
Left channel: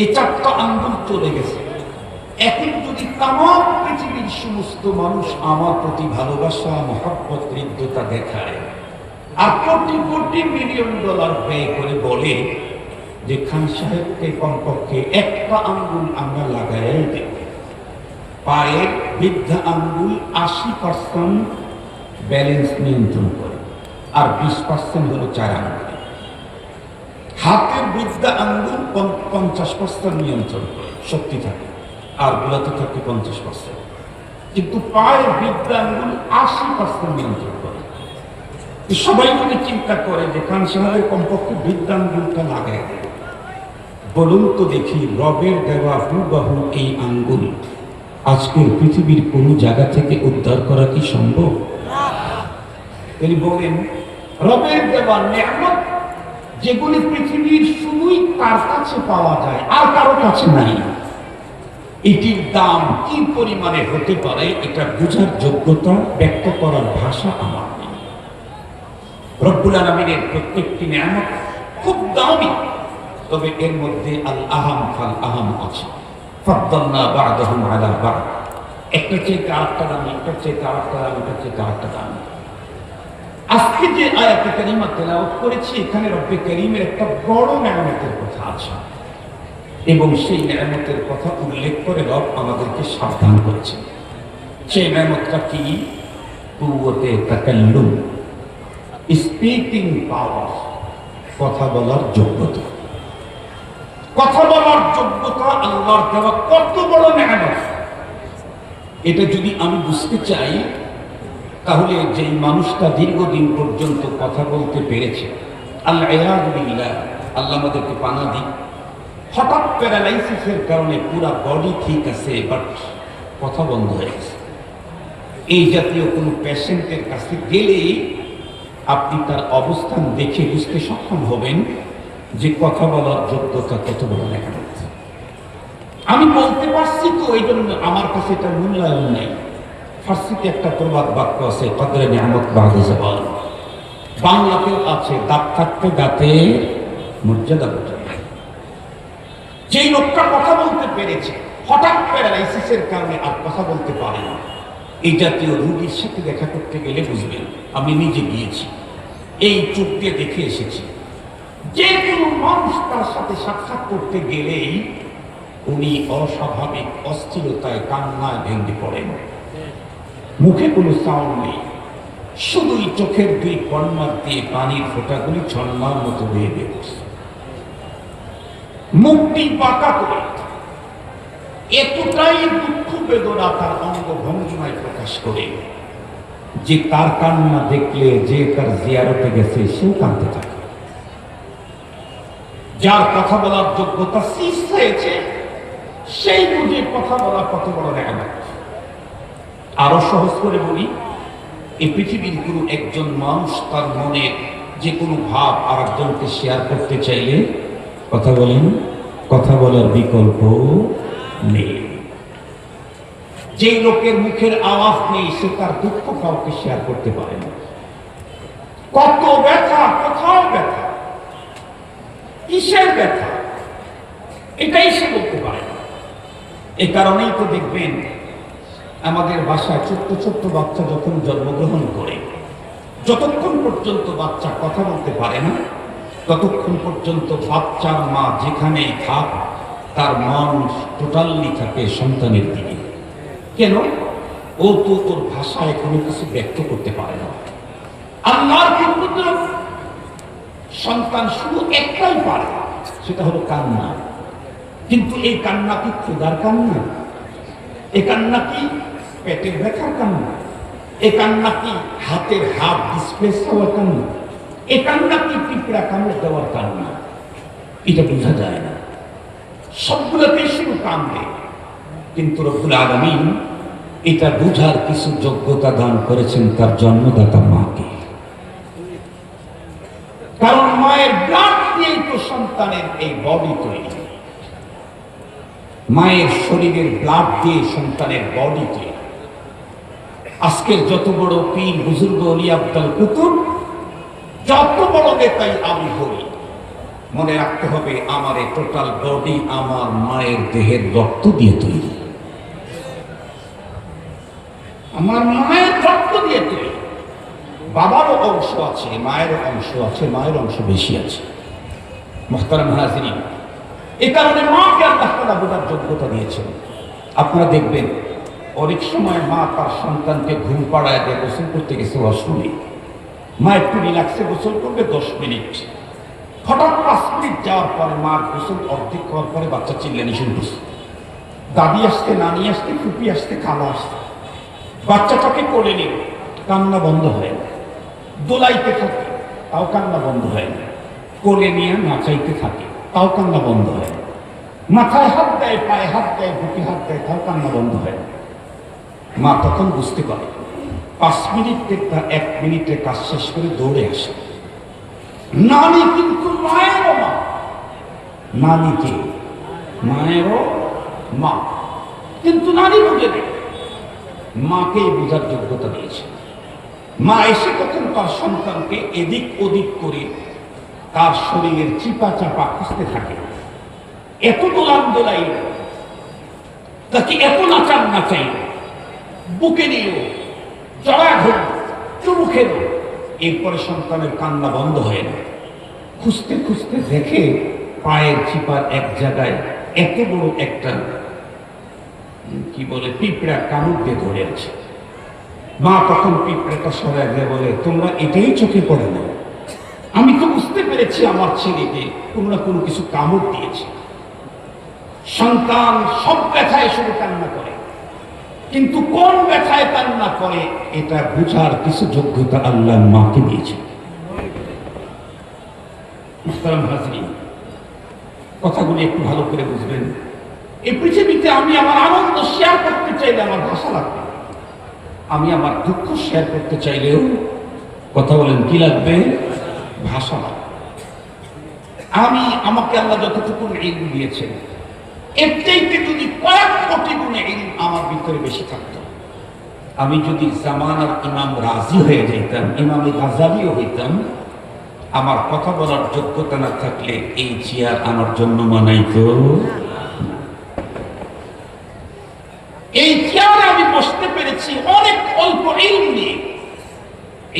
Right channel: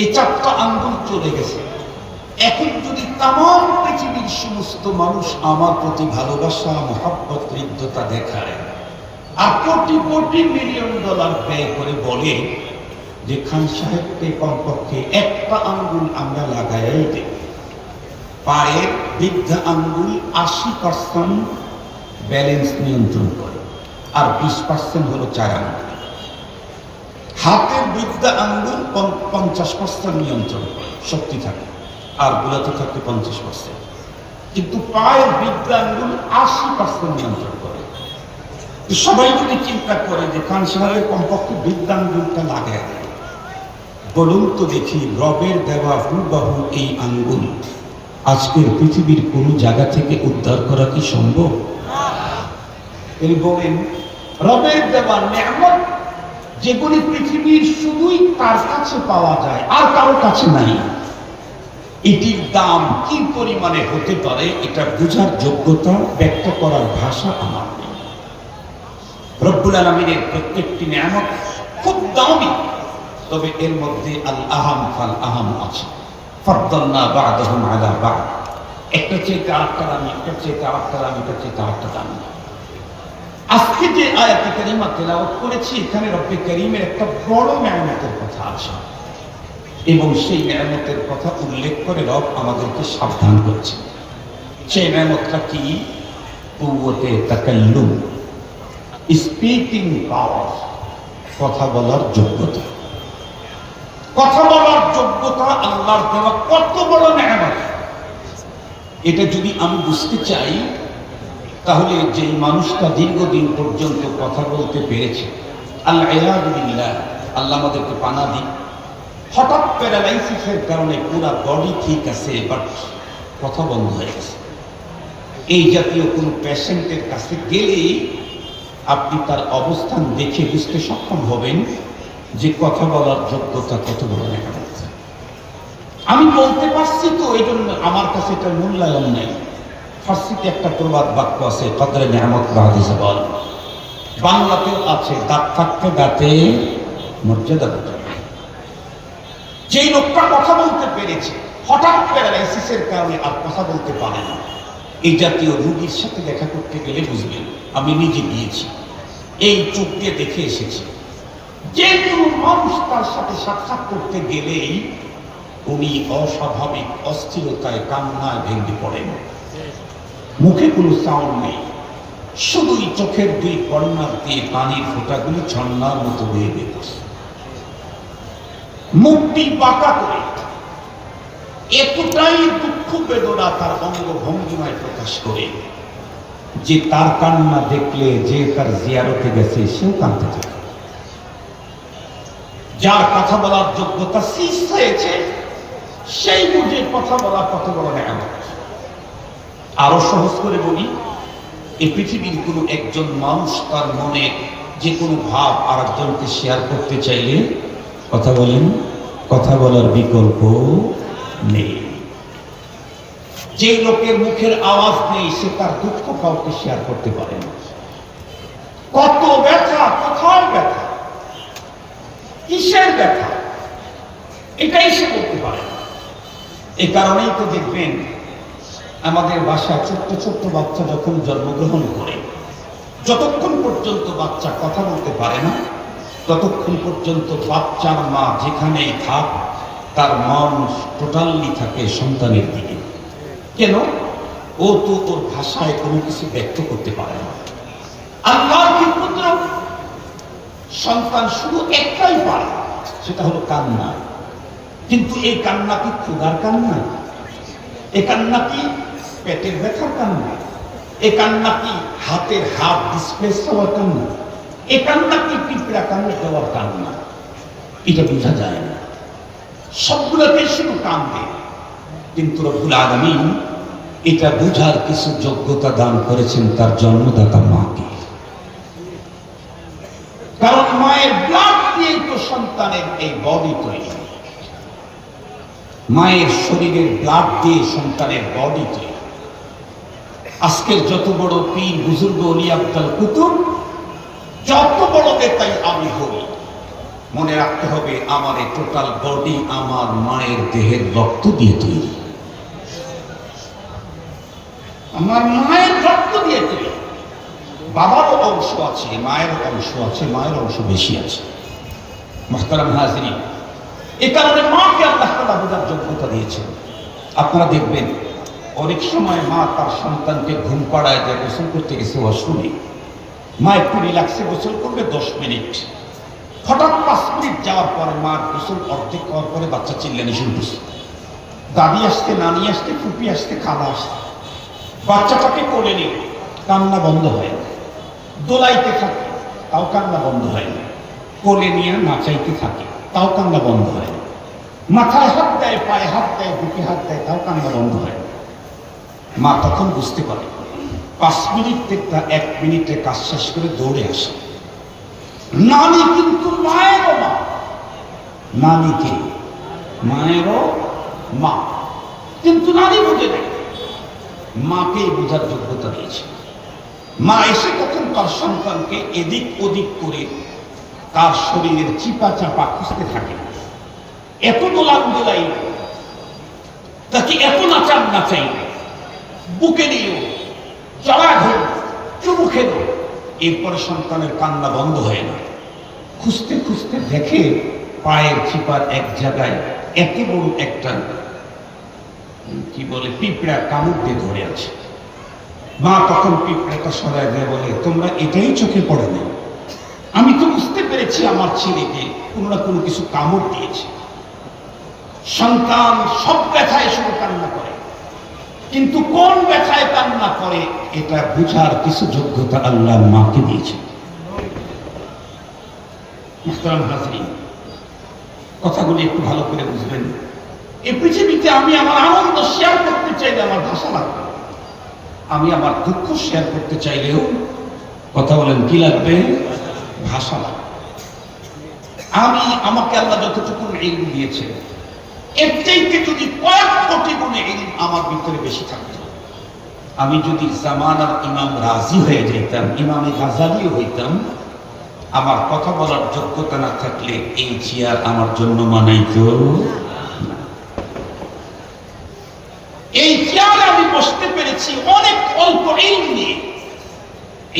এই 4টা আঙ্গুল চলে গেছে। এখন যদি তাম পৃথিবীর সমস্ত মানুষ আমার প্রতি ভালোবাসা, মহব্বত, হৃদ্যতা দেখায় আর কোটি কোটি মিলিয়ন ডলার ব্যয় করে বলে যে খান সাহেবকে কমপক্ষে একটা আঙ্গুল আমরা লাগাই দেব। পায়ের বৃদ্ধা আঙ্গুল 80% ব্যালেন্স নিয়ন্ত্রণ করে, আর 20% হলো 4 আঙ্গুল। হাতের বৃদ্ধা আঙ্গুল 50% নিয়ন্ত্রণ করে, শক্তি থাকে, আর গোলাতে থাকে 50%। কিন্তু পায়ের বৃদ্ধা আঙ্গুল 80% নিয়ন্ত্রণ করে। সবাই যদি চিন্তা করে যে খান সাহেবের কমপক্ষে বৃদ্ধা আঙ্গুলটা লাগায় দেবে, বলুন তো দেখি রবের দেওয়া হুবহু এই আঙ্গুল আজকের পৃথিবীর কোন জায়গা থেকে উদ্ধার করা কি সম্ভব? তিনি বলেন রবের দেওয়া নেয়ামত যেগুলি পৃথিবীর শুধুই তার কাছে পাওয়া যায় আর কারো কাছে নাই, এটির দাম কি পরিমাণে হতে পারে এটা বোঝার যোগ্যতা, ব্যক্ত করার ভাষা আমার নেই। রব্বুল আলামিনের প্রত্যেকটি নেয়ামত খুব দামি, তবে এর মধ্যে আল আহাম ফাল আহাম আছে। ফাদ্দালনা বা'দাহুম আলা বা'দ, একটা চেয়ে আরেকটা দামি, একটা চেয়ে আরেকটা দামি, একটা চেয়ে আরেকটা দামি। আজকে যে আয়াতে কারিমা তেলাওয়াত করেছি, এখানে রব্বে কারীমের একটা বড় নেয়ামতের কথা আছে এবং সেই নেয়ামতের কথা উল্লেখ করে রব আমাদেরকে সাবধান করেছেন। সেই নেয়ামতটা কি? কুওয়াতে তাকাল্লুম, স্পিকিং পাওয়ার, কথা বলার যোগ্যতা। কথা বলার যোগ্যতা আল্লাহর দেওয়া কত বড় নেয়ামত! এটা যদি আমি বুঝতে চাই, তাহলে যেই মানুষটা দীর্ঘদিন পর্যন্ত কথা বলতে পেরেছে, আল্লাহ আমাদেরকে পানা দিক, হঠাৎ প্যারালাইসিসের কারণে পুরো বডি ঠিক আছে, বাট কথা বন্ধ হয়ে গেছে। এই জাতীয় কোনো পেশেন্টের কাছে গেলেই আপনি তার অবস্থান দেখে বুঝতে সক্ষম হবেন যে কথা বলার যোগ্যতা কত বড় নেয়ামত। আমি বলতে পারছি তো, এই জন্য আমার কাছে এটা মূল্যায়ন নেই। ফার্সিতে একটা প্রবাদ বাক্য আছে, কদরে নেয়ামত বাদে জাওয়াল। বাংলাতেও আছে, দাঁত থাকতে দাঁতে মর্যাদা বোঝা। যেই লোকটা কথা বলতে পেরেছে, হঠাৎ প্যারালাইসিসের কারণে আর কথা বলতে পারে না, এই জাতীয় রোগীর সাথে দেখা করতে গেলে বুঝবেন, আমি নিজে গিয়েছি, এই চোখ দিয়ে দেখে এসেছি, যে কোনো মানুষ তার সাথে সাক্ষাৎ করতে গেলেই উনি অস্বাভাবিক অস্থিরতায়, কান্নায় ভেঙে পড়েন। মুখে কোনো সাউন্ড নেই, শুধুই চোখের 2 কর্নার দিয়ে পানির ফোঁটাগুলি ঝর্ণার মতো বেয়ে বেরোচ্ছে। মুখটি বাঁকা করে এতটাই দুঃখ বেদনা তার অঙ্গ ভঙ্গিমায় প্রকাশ করে যে তার কান্না দেখলে যে তার জিয়ারতে গেছে সেও কাঁদতে থাকে। যার কথা বলার যোগ্যতা শেষ হয়েছে, সেই বুঝে কথা বলা কত বড় নেয়ামত। আরো সহজ করে বলি, এই পৃথিবীর কোনো একজন মানুষ তার মনের যে কোনো ভাব আর একজনকে শেয়ার করতে চাইলে কথা বলেন, কথা বলার বিকল্প নেই। যে লোকের মুখের আওয়াজ নেই, সে তার দুঃখ কাউকে শেয়ার করতে পারে না। কত ব্যথা, কোথাও ব্যথা, কিসের ব্যথা, এটাই সে বলতে পারে না। এ কারণেই তো দেখবেন আমাদের বাসায় ছোট্ট ছোট্ট বাচ্চা যখন জন্মগ্রহণ করে, যতক্ষণ পর্যন্ত বাচ্চা কথা বলতে পারে না, ততক্ষণ পর্যন্ত বাচ্চার মা যেখানেই থাক তার মন টোটালি থাকে সন্তানের দিকে। কেন? ও তো তোর ভাষায় কোনো কিছু ব্যক্ত করতে পারে না। আল্লাহর কি কুদরত! সন্তান শুধু একটাই পারে, সেটা হলো কান্না। কিন্তু এই কান্না কি ক্ষুধার কান্না? এই কান্না কি পেটের ব্যথার কান্না? এই কান্না কি হাতের হাত ডিসপ্লেস হওয়ার কান্না? এই কান্না কি পিঁপড়া কামড় দেওয়ার কান্না? এটা বোঝা যায় না। সবগুলোতে শুধু কান্দে, কিন্তু রব্বুল আলামিন এটা বোঝার কিছু যোগ্যতা দান করেছেন তার জন্মদাতা মাকে। কারণ মায়ের ব্লাড দিয়ে তো সন্তানের এই বডি তৈরি, মায়ের শরীরের ব্লাড দিয়ে সন্তানের বডি তৈরি। আজকের যত বড় পীর বুজুর্গ ওলিয়া আব্দুল কুতুব, যত বড় নেতাই আমি হই, মনে রাখতে হবে আমার এই টোটাল বডি আমার মায়ের দেহের রক্ত দিয়ে তৈরি, আমার মায়ের রক্ত দিয়ে তৈরি। বাবারও অংশ আছে, মায়েরও অংশ আছে, মায়ের অংশ বেশি আছে। মুহতারাম হাজিরিন, এ কারণে মাকে আল্লাহ তাআলা বোঝার যোগ্যতা দিয়েছেন। আপনারা দেখবেন অনেক সময় মা তার সন্তানকে ঘুম পাড়ায় দিয়ে গোসল করতে গেছে ওয়াশরুমে, মা একটু রিল্যাক্সে গোসল করবে 10 মিনিট, হঠাৎ 5 মিনিট যাওয়ার পরে মার গোসল অর্ধেক হওয়ার পরে বাচ্চা চিল্লানি শুরু করছে। দাদি আসতে, নানি আসতে, ফুপি আসতে, খালা আসতে, বাচ্চাটাকে কোলে নিয়ে কান্না বন্ধ হয় না, দোলাইতে থাকে তাও কান্না বন্ধ হয় না, কোলে নিয়ে নাচাইতে থাকে তাও কান্না বন্ধ হয় না, মাথায় হাত দেয়, পায়ে হাত দেয়, বুকে হাত দেয়, তাও কান্না বন্ধ হয় না। মা তখন বুঝতে পারে 5 মিনিট থেকে 1 মিনিটে কাজ শেষ করে দৌড়ে আসে। নানি কিন্তু মায়েরও মা, নানিকে মায়েরও মা, কিন্তু নানি বুঝে নেই, মাকেই বোঝার যোগ্যতা দিয়েছে। মা এসে কখন তার সন্তানকে এদিক ওদিক করে তার শরীরের চিপা চাপা খুঁজতে থাকে, এত দোলান দোলাই, তাকে এত নাচান নাচাই, বুকে নিয়ে জড়া ধরে চুমু খেল, এরপরে সন্তানের কান্না বন্ধ হয় না। খুঁজতে খুঁজতে দেখে পায়ের চিপার এক জায়গায় এত বড় একটা কি বলে পিঁপড়া কামড় দিয়ে ধরে আছে। মা তখন পিঁপড়াটা সরাই দিয়ে বলে, তোমরা এটাই চোখে পড়ে না, আমি তো বুঝতে পেরেছি আমার ছেলেকে কোনো না কোনো কিছু কামড় দিয়েছে। সন্তান সব ব্যথায় শুধু কান্না করে, কিন্তু কোন ব্যথায় কান্না করে এটা বুঝার কিছু যোগ্যতা আল্লাহ মাকে দিয়েছে। কথাগুলি একটু ভালো করে বুঝবেন। এই পৃথিবীতে আমি আমার আনন্দ শেয়ার করতে চাইলে আমার ভাষা লাগবে, আমি আমার দুঃখ শেয়ার করতে চাইলেও কথা বলেন কি লাগবে? ভাষা লাগবে। আমাকে আল্লাহ যতটুকু ইলম দিয়েছেন, এর চাইতে যদি কয়েক কোটি গুণে ইলম আমার ভিতরে বেশি থাকতো, আমি যদি জামানার ইমাম রাজি হয়ে যেতাম, ইমামে গাজালিও হইতাম, আমার কথা বলার যোগ্যতা না থাকলে এই চেয়ার আমার জন্য মানাইতো। এই চেয়ারে আমি বসতে পেরেছি অনেক অল্প ইলম নিয়ে।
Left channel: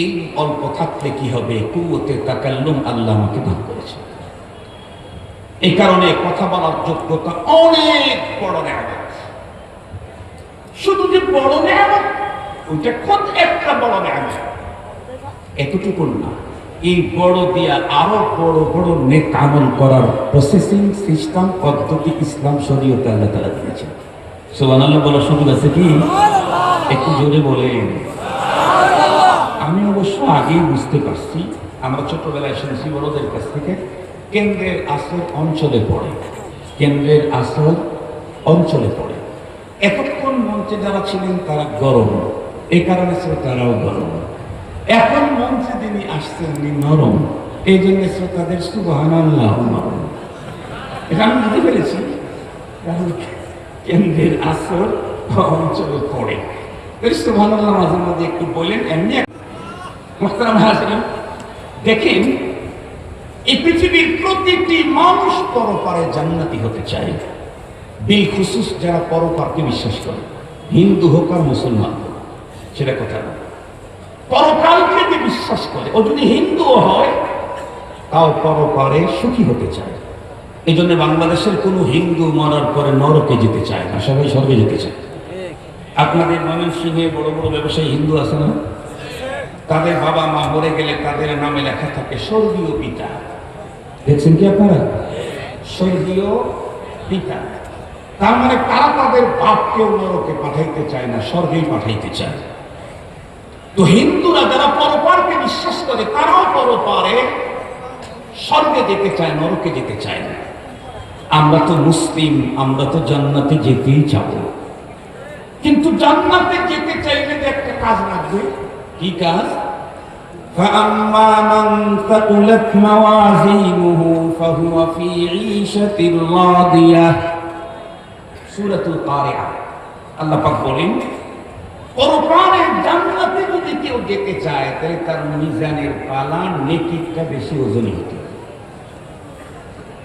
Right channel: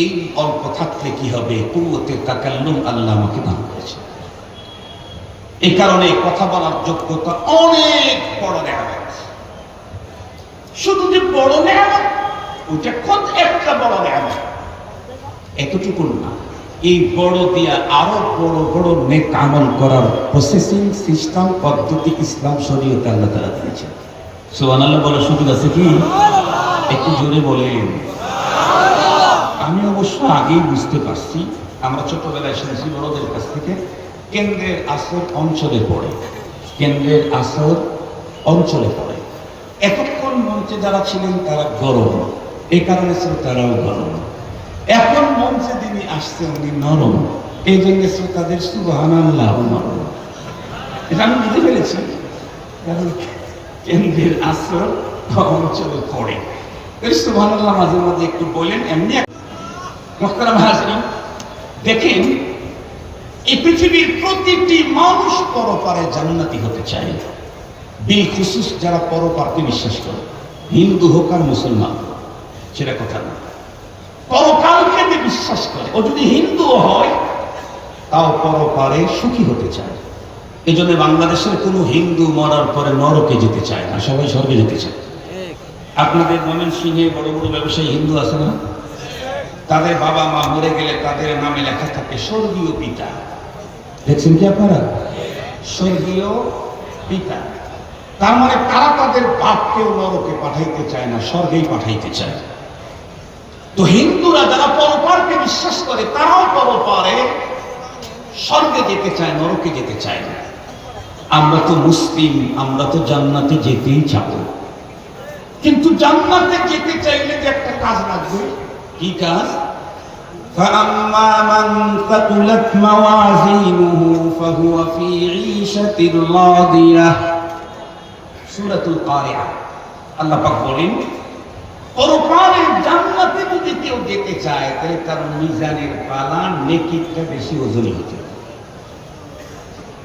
এই অল্প থাকলে কি হবে? কুওয়াতে তাকাল্লুম আল্লাহ আমাকে দান করেছে। এই কারণে কথা বলার যোগ্যতা অনেক বড় নেয়ামত। শুধু যে বড় নেয়ামত, ওইটা কত একটা বড় নেয়ামত, এতটুকু না, এই বড় দিয়া আরো বড় বড় নেক আমল করার প্রসেসিং সিস্টেম পদ্ধতি ইসলাম শরীয়তে আল্লাহ তাআলা দিয়েছেন। সুবহানাল্লাহ বলার সুযোগ আছে কি? একটু জোরে বলেন। আমি অবশ্য আগেই বুঝতে পারছি, আমরা ছোটবেলায় শুনেছি বড়দের কাছ থেকে, কেন্দ্রের আসর অঞ্চলে পড়ে, কেন্দ্রের আসর অঞ্চলে পড়ে। এতক্ষণ মঞ্চে যারা ছিলেন তারা গরম, এই কারণে শ্রোতারাও গরম। এখন মঞ্চে যিনি আসছেন উনি নরম, এই জন্য শ্রোতাদের সুবহানাল্লাহ নরম। এটা আমি বুঝে ফেলেছি, কারণ কেন্দ্রের আসর অঞ্চলে পড়ে। সুবহানাল্লাহ মাঝে মাঝে একটু বলেন, এমনি। মুহতারাম হাজিরিন, দেখেন এই পৃথিবীর প্রতিটি মানুষ পরপারে জান্নাতি হতে চায়, বিল খুসুস যারা পরপারকে বিশ্বাস করে, হিন্দু হোক আর মুসলমান, সেটা কথা না, পরকালকে যে বিশ্বাস করে, ও যদি হিন্দুও হয় তাও পরপারে সুখী হতে চায়। এই জন্য বাংলাদেশের কোনো হিন্দু মরার পরে নরকে যেতে চায় না, সবাই স্বর্গে যেতে চায়। আপনাদের ময়মনসিংহে বড় বড় ব্যবসায়ী হিন্দু আছে না? তাদের বাবা মা মরে গেলে তাদের নামে লেখা থাকে স্বর্গীয় পিতা। দেখছেন কি আপনারা? স্বর্গীয় পিতা। তার মানে তারা তাদের বাপকেও নরকে পাঠাইতে চায় না, স্বর্গেই পাঠাইতে চায়। তো হিন্দুরা যারা পরপারকে বিশ্বাস করে তারাও পরপারে স্বর্গে যেতে চায়, নরকে যেতে চায় না। আমরা তো মুসলিম, আমরা তো জান্নাতে যেতেই চাব, কিন্তু জান্নাতে যেতে চাইলে যে একটা কাজ লাগবে। কি কাজ? فأما من ثقلت موازينه فهو في عيشة راضية সূরাতুল কারিয়া। আল্লাহ পাক বলেন, পরকালে জান্নাতে যদি কেউ যেতে চায় তাহলে তার মিজানের পালা নেকিটা বেশি ওজনী হতে হবে।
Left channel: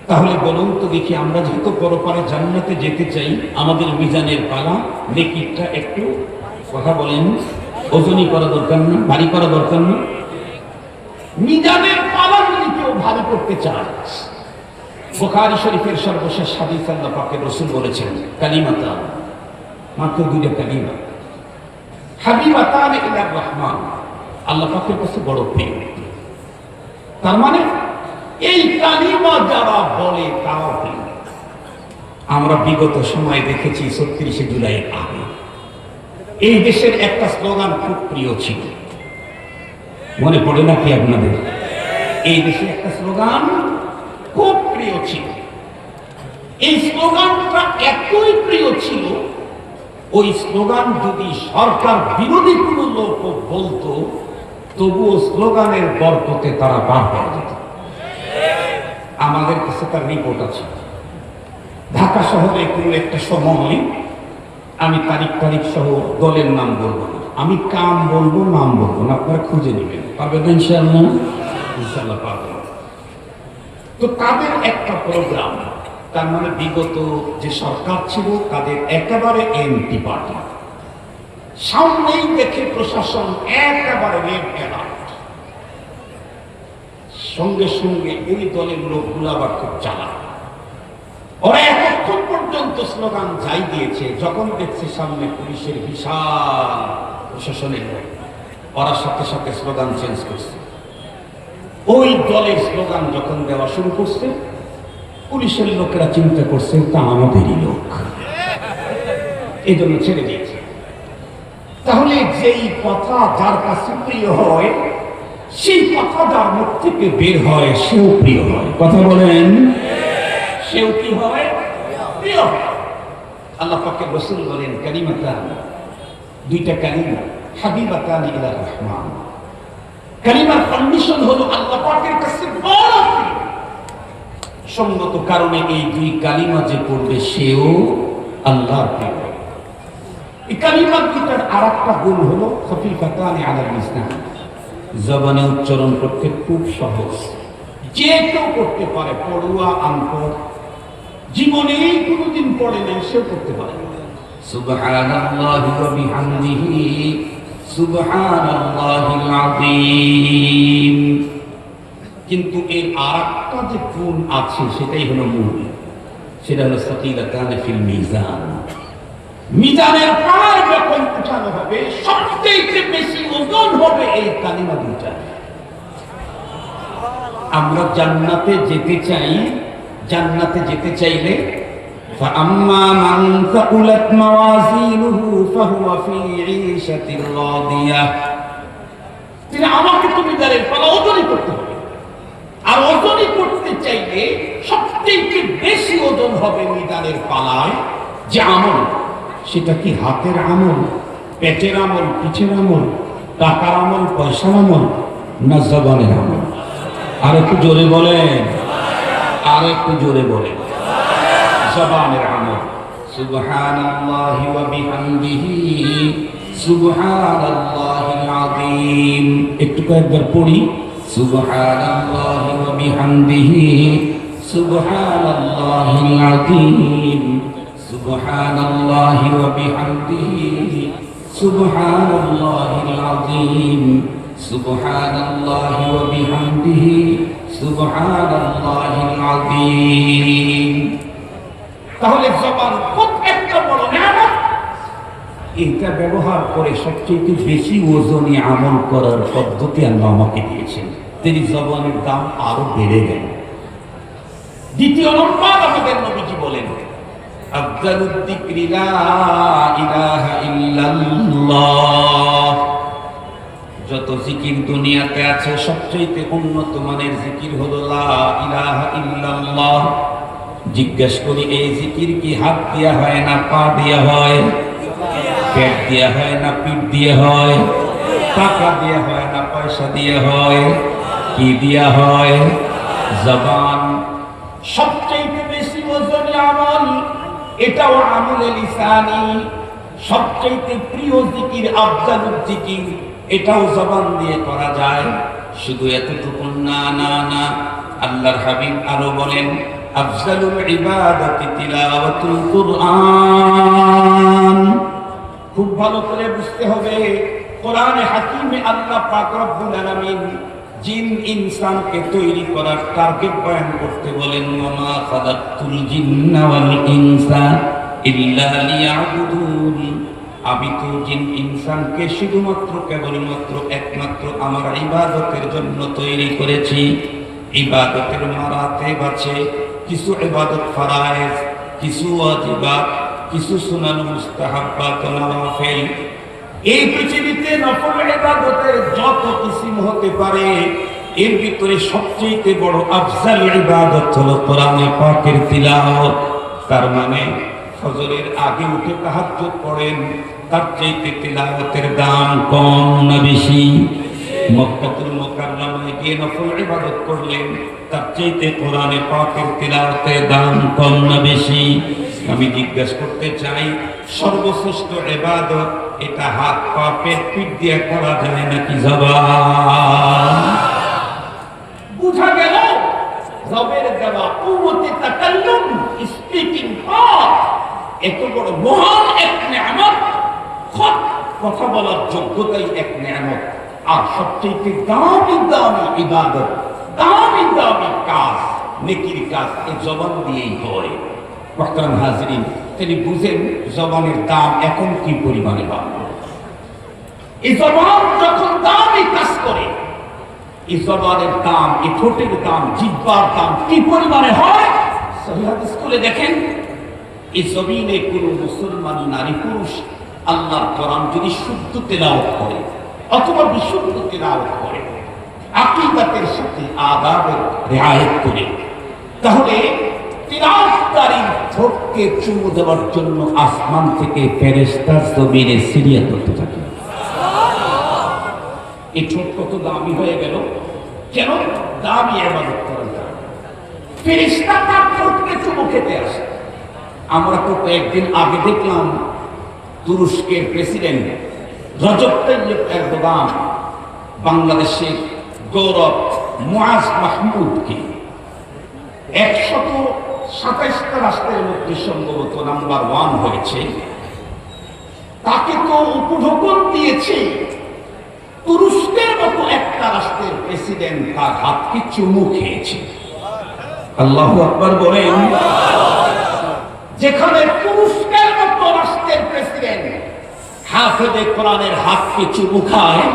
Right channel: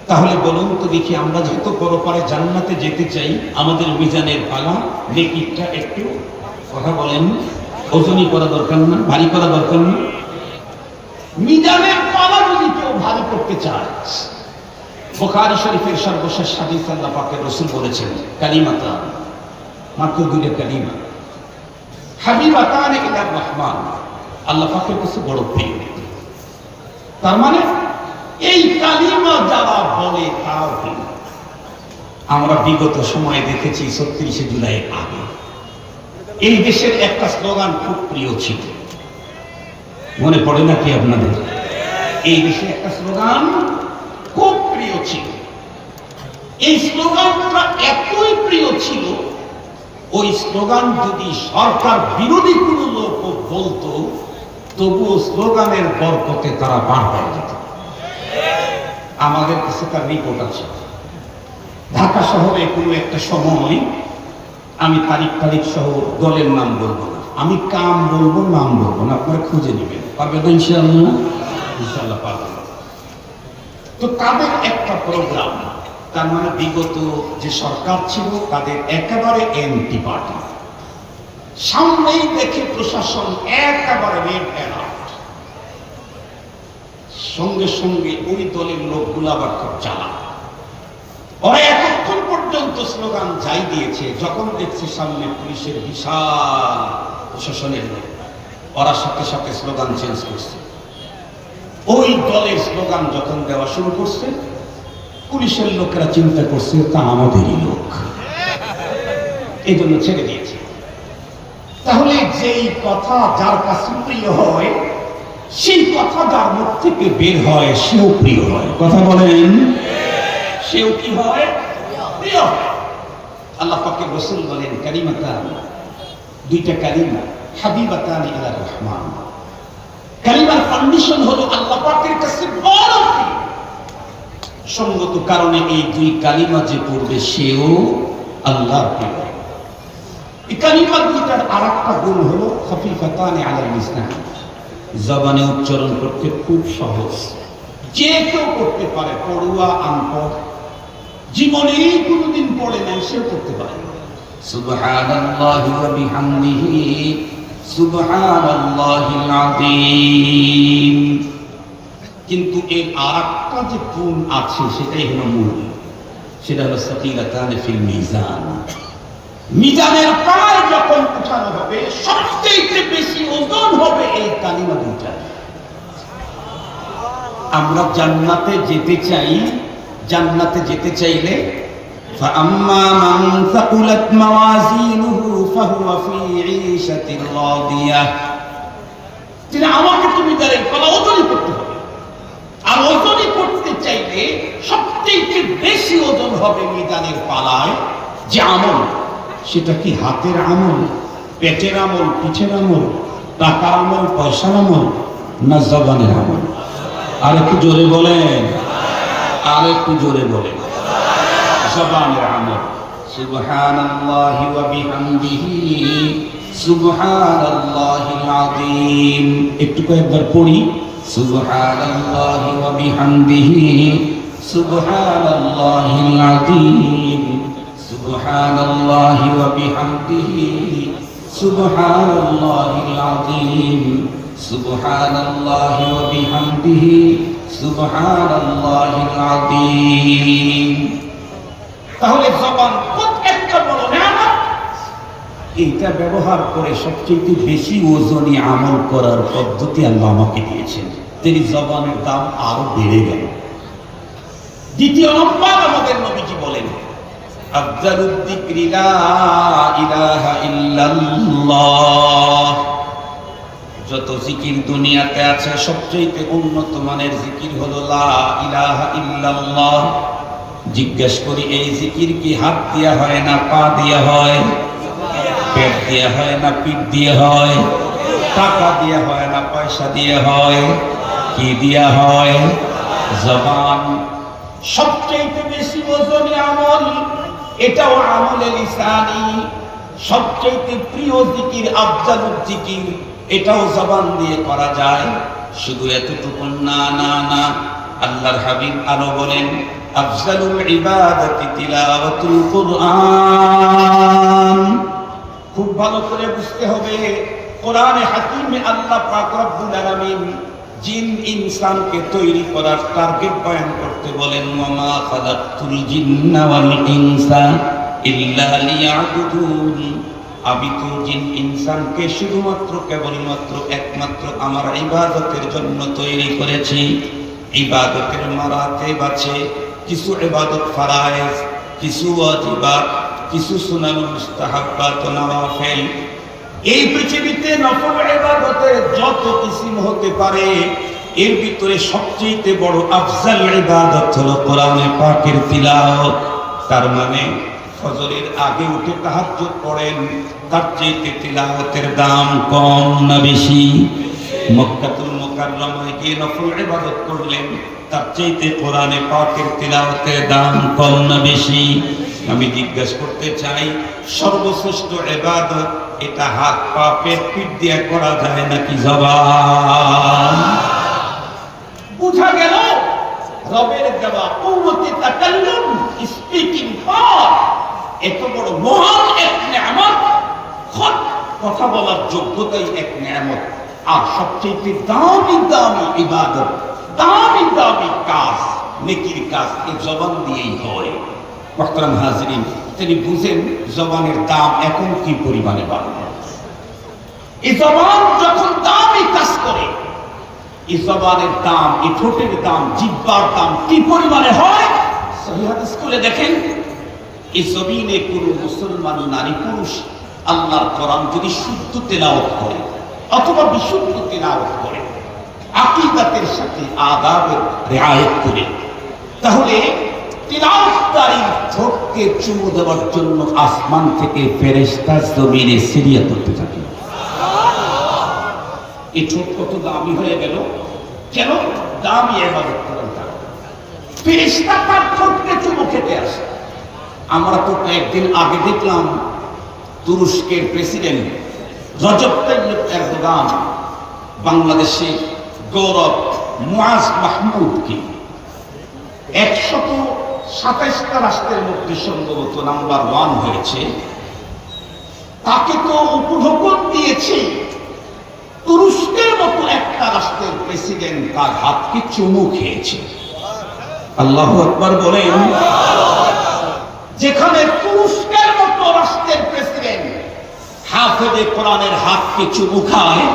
তাহলে বলুন তো দেখি, আমরা যেহেতু পরকালে জান্নাতে যেতে চাই, আমাদের মিজানের পালা নেকিটা একটু, কথা বলেন, ওজনী করা দরকার না, ভারী করা দরকার না? মিজানের পালা যদি কেউ ভারী করতে চায়, বুখারী শরীফের সর্বশেষ হাদিস আল্লাহ পাকের রাসূল বলেছেন, কালিমাতান, মাত্র দুইটা কালিমা, হাবিবাতান ইলার রহমান, আল্লাহ পাকের কাছে বড় প্রিয়। তার মানে এই কালিমা যারা বলে তারাও প্রিয়। আমরা বিগত সময়ে দেখেছি ৩৬শে জুলাই আগে এই দেশের একটা স্লোগান খুব প্রিয় ছিল, মনে পড়ে নাকি আপনাদের? এই দেশে একটা স্লোগান খুব প্রিয় ছিল। এই স্লোগানটা এতই প্রিয় ছিল, ওই স্লোগান যদি সরকার বিরোধী কোনো লোক বলতো তবুও স্লোগানের বরকতে তারা পার পেয়ে যেত। আমাদের কাছে তার রিপোর্ট আছে। ঢাকা শহরে কোনো একটা সময়, আমি তারিখ সহ দলের নাম বলবো না, আমি কাম বলবো, নাম বলবো না, আপনারা খুঁজে নেবেন। পারবেন তো ইনশাআল্লাহ? ইনশাআল্লাহ পারবেন। তো তাদের একটা প্রোগ্রাম, তার মানে বিগত যে সরকার ছিল তাদের একেবারে এমপি পার্টি, সামনেই দেখে প্রশাসন একেবারে রেড অ্যালার্ট, সঙ্গে সঙ্গে ওই দলের লোকগুলো আবার খুব চালাক। ওরা এতক্ষণ পর্যন্ত স্লোগান যাই দিয়েছে, যখন দেখছে সামনে পুলিশের বিশাল প্রশাসনের লোক, ওরা সাথে সাথে স্লোগান চেঞ্জ করছে। ওই দলের স্লোগান যখন দেওয়া শুরু করছে, পুলিশের লোকেরা চিন্তা করছে তা আমাদেরই লোক, এই জন্য ছেড়ে দিয়েছে। তাহলে যেই কথা যার কাছে প্রিয় হয়, সেই কথা যার মুখ থেকে বের হয় সেও প্রিয় হয়। কথা বলেন, সেও কি হয়? প্রিয় হয়। আল্লাহ পাকের রাসূল বলেন, কালিমাতান, দুইটা কালিমা, হাবিবাতান ইলার রহমান। কালিমার কন্ডিশন হলো আল্লাহ পাকের কাছে বড় প্রিয়। সঙ্গত কারণে এই দুই কালিমা যে পড়বে সেও আল্লাহর প্রিয়। এই কালিমা দুইটার আরেকটা গুণ হলো খফিফাতান আলাল লিসান, জবানে উচ্চারণ করতে খুব সহজ, যে কেউ করতে পারে, পড়ুয়া আনপড়, জীবনেই কোনোদিন পড়ে নাই সেও করতে পারে। সুবহানাল্লাহি ওয়া বিহামদিহি সুবহানাল্লাহিল আযীম। কিন্তু এর আরেকটা যে গুণ আছে সেটাই হলো মূল, সেটা হলো সাকিলাতান ফিল মিজান। মিজানের পায় যখন উঠানো হবে সবচেয়ে বেশি ওজন হবে এই কালিমা দুইটা। আমরা জান্নাতে যেতে চাই, জান্নাতে যেতে চাইলে فأما من ثقلت موازينه فهو في عيشة راضية, তিনি আমাকে তুমি মিজানের পালা ওজনই করতে হবে। আর ওজনই করতে চাইলে সবচেয়ে বেশি ওজন হবে মিজানের পালায় যে আমল, সেটা কি হাতের আমল, পেটের আমল, পিঠের আমল, টাকার আমল, পয়সার আমল, না জবানের আমল? আর একটু জোরে বলেন, আর একটু জোরে বলেন, জবানের আমল। সুবহানাল্লাহি ওয়া বিহামদিহি সুবহানাল্লাহিল আযীম। একটু কয়েকবার পড়ি, সুবহানাল্লাহি ওয়া বিহামদিহি সুবহানাল্লাহিল আযীম, সুবহানাল্লাহি ওয়া বিহামদিহি সুবহানাল্লাহিল আযীম, সুবহানাল্লাহি ওয়া বিহামদিহি সুবহানাল্লাহিল আযীম। তাহলে জবান কত একটা বড় নিয়ামত, এটা ব্যবহার করে সবচেয়ে বেশি ওজনী আমল করার পদ্ধতি আল্লাহ আমাকে দিয়েছেন। তিনি জবানের দাম আরো বেড়ে গেল। দ্বিতীয় নম্বর আমাদের নবীজি বলেন, আফজালুদ যিকরি লা ইলাহা ইল্লাল্লাহ। যত জিকির দুনিয়াতে আছে সবচেয়ে উন্নত মানের জিকির হলো লা ইলাহা ইল্লাল্লাহ। জিজ্ঞেস করি, এই জিকির কি হাত দিয়া হয় না পা দিয়া হয়? পেট দিয়া হয় না পিঠ দিয়ে হয়? টাকা দিয়ে হয় না পয়সা দিয়ে হয়? কি দিয়া হয়? জবান। সবচেয়ে বেশি ওজনে আমল, এটাও আমলে লিসানি। সবচেয়ে প্রিয় জিকির আফজালুল জিকির, এটাও জবান দিয়ে করা যায়। শুধু এতটুকু না না না, আল্লাহর হাবিব আরো বলেন, আফজালুল ইবাদাতি তিলাওয়াতুল কুরআন। খুব ভালো করে বুঝতে হবে, কোরআনে হাকিমে আল্লাহ পাক রব্বুল আলামিন জিন ইনসানকে তৈরি করার টার্গেট বয়ান করতে বলেন, ওয়ামা খালাকতুল জিন্না ওয়াল ইনসা ইল্লা লিয়াবুদুন। আমি তো জিন ইনসানকে শুধুমাত্র কেবলমাত্র একমাত্র আমার ইবাদতের জন্য তৈরি করেছি। ইবাদতের মারাতেব আছে, কিছু ইবাদত ফরায়েজ, কিছু ওয়াজিবাত, কিছু সুনান মুস্তাহাব্বাত ও নওয়াফিল। এই পৃথিবীতে নফল ইবাদতের যত কিসিম হতে পারে, এর ভিতরে সবচেয়ে বড় আফজাল ইবাদত হলো কোরআনে পাকের তিলাওয়াত। তার মানে ফজরের আগে উঠে তাহাজ্জুদ পড়েন, তার চাইতে তিলাওয়াতের দাম কম না বেশি? মক্কাতুল মুকাররমায় গিয়ে নফল ইবাদত করলেন, তার চাইতে কোরআনে পাকের তিলাওয়াতের দাম কম না বেশি? আমি জিজ্ঞাসা করতে চাই, সর্বশ্রেষ্ঠ ইবাদত এটা হাত পা পেট পিঠ দিয়ে করা যায় নাকি জবান? বুঝা গেল রবের দেওয়া উম্মতে তাকাল্লুম, স্পিকিং পাওয়ার এত বড় মহান এক নিয়ামত। কথা বলার যোগ্যতাই এক নিয়ামত। আর সবচেয়ে দামি দামি ইবাদত, দামি দামি কাজ, নেকির কাজ এই জবান দিয়েই হয়। মুহতারাম হাজিরিন, তিনি বুঝেন জবানের দাম এখন কি পরিমাণে বাড়লো। এই জবান যখন দামি কাজ করে, এই জবানের দাম, এই ঠোঁটের দাম, জিহ্বার দাম কি পরিমাণে হয়। সহিহ হাদিস খুলে দেখেন, এই জমিনে কোন মুসলমান নারী পুরুষ আল্লাহর কোরআন যদি শুদ্ধ তেলাওয়াত করে অথবা বিশুদ্ধ তেলাওয়াত করে, আকীদাতের সাথে আদাবের রিআয়াত করে, তাহলে তিলাওয়াতকারীর ঠোঁটকে চুমু দেওয়ার জন্য আসমান থেকে ফেরেশতা জমিনে সিরিয়া করতে থাকে। এই ঠোঁট কত দামি হয়ে গেল, যেন দামি ইবাদত করা যায়। ফেরেশতা তার ঠোঁটকে চুমু খেতে আসে। আমরা তো কয়েকদিন আগে দেখলাম তুরস্কের প্রেসিডেন্ট রজব তাইয়্যিব এরদোগান বাংলাদেশের গৌরব মুআজ মাহমুদকে 127টা রাষ্ট্রের মধ্যে সম্ভবত নাম্বার 1 হয়েছে। তাকে তো উপঢৌকন দিয়েছে। তুরস্কের মতো একটা রাষ্ট্রের প্রেসিডেন্ট তার হাতকে চুমু খেয়েছে। আল্লাহু আকবার বলেন। যেখানে তুরস্কের মতো রাষ্ট্রের প্রেসিডেন্ট হাফেজে কোরআনের হাতকে চুমু খায়,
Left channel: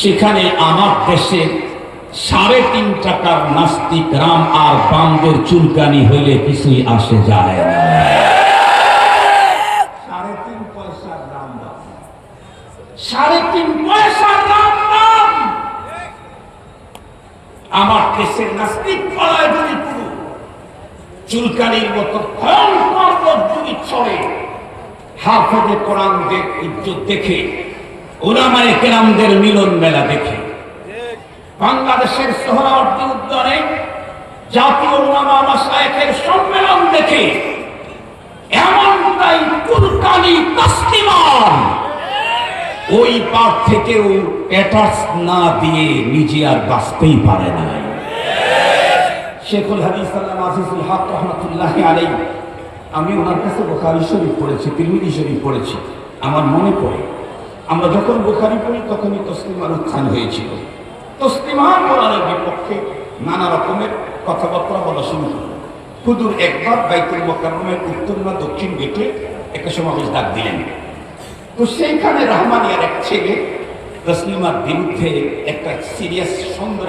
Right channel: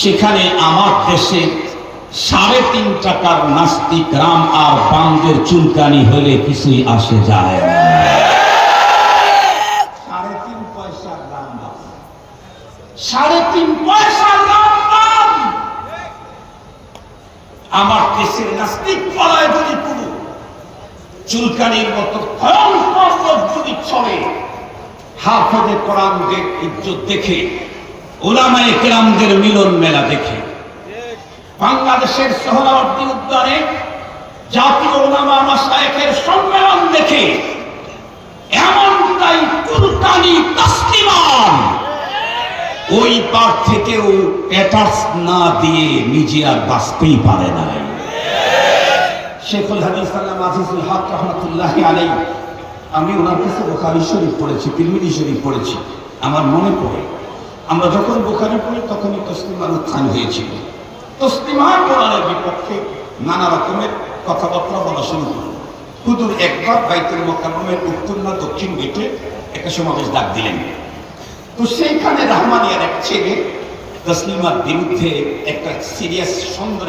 সেখানে আমার দেশের 3.5 টাকার নাস্তিক রাম আর বান্দের চুলকানি হইলে কিছুই আসে যায় না। 3.5 পয়সার দাম, 3.5 পয়সার দাম। আমার দেশের নাস্তিক পাড়ায় যদি পুরো চুলকানির মতো ভয়ঙ্কর যদি ছড়ে, হাফেজে কোরআনদের ইজ্জত দেখে, উলামায়ে কেরামদের মিলন মেলা দেখে, বাংলাদেশের সোহরাওয়ার্দী উদ্যানে জাতীয় উলামা মাশায়েখের সম্মেলন দেখে এমনটাই চুলকানি তাসলিমান ওই পার থেকেও অ্যাটাচ না দিয়ে নিজে আর বাঁচতেই পারে না। শেখুল হাদিস আল্লামা আজিজুল হক রাহমাতুল্লাহি আলাইহি, আমি ওনার কাছে বুখারী শরীফ পড়েছি, তিরমিজি শরীফ পড়েছি। আমার মনে পড়ে আমরা যখন বুখারী পড়ি তখনই তসলিমার উত্থান হয়েছিল। তসলিমার কোরআনের বিপক্ষে নানা রকমের কথাবার্তা বলা শুরু করল। হুজুর একবার বাইতুল মুকাররমের উত্তর না দক্ষিণ গেটে একটা সমাবেশ ডাক দিলেন। তো সেইখানে রহমানিয়ার এক ছেলে তসলিমার বিরুদ্ধে একটা সিরিয়াস সুন্দর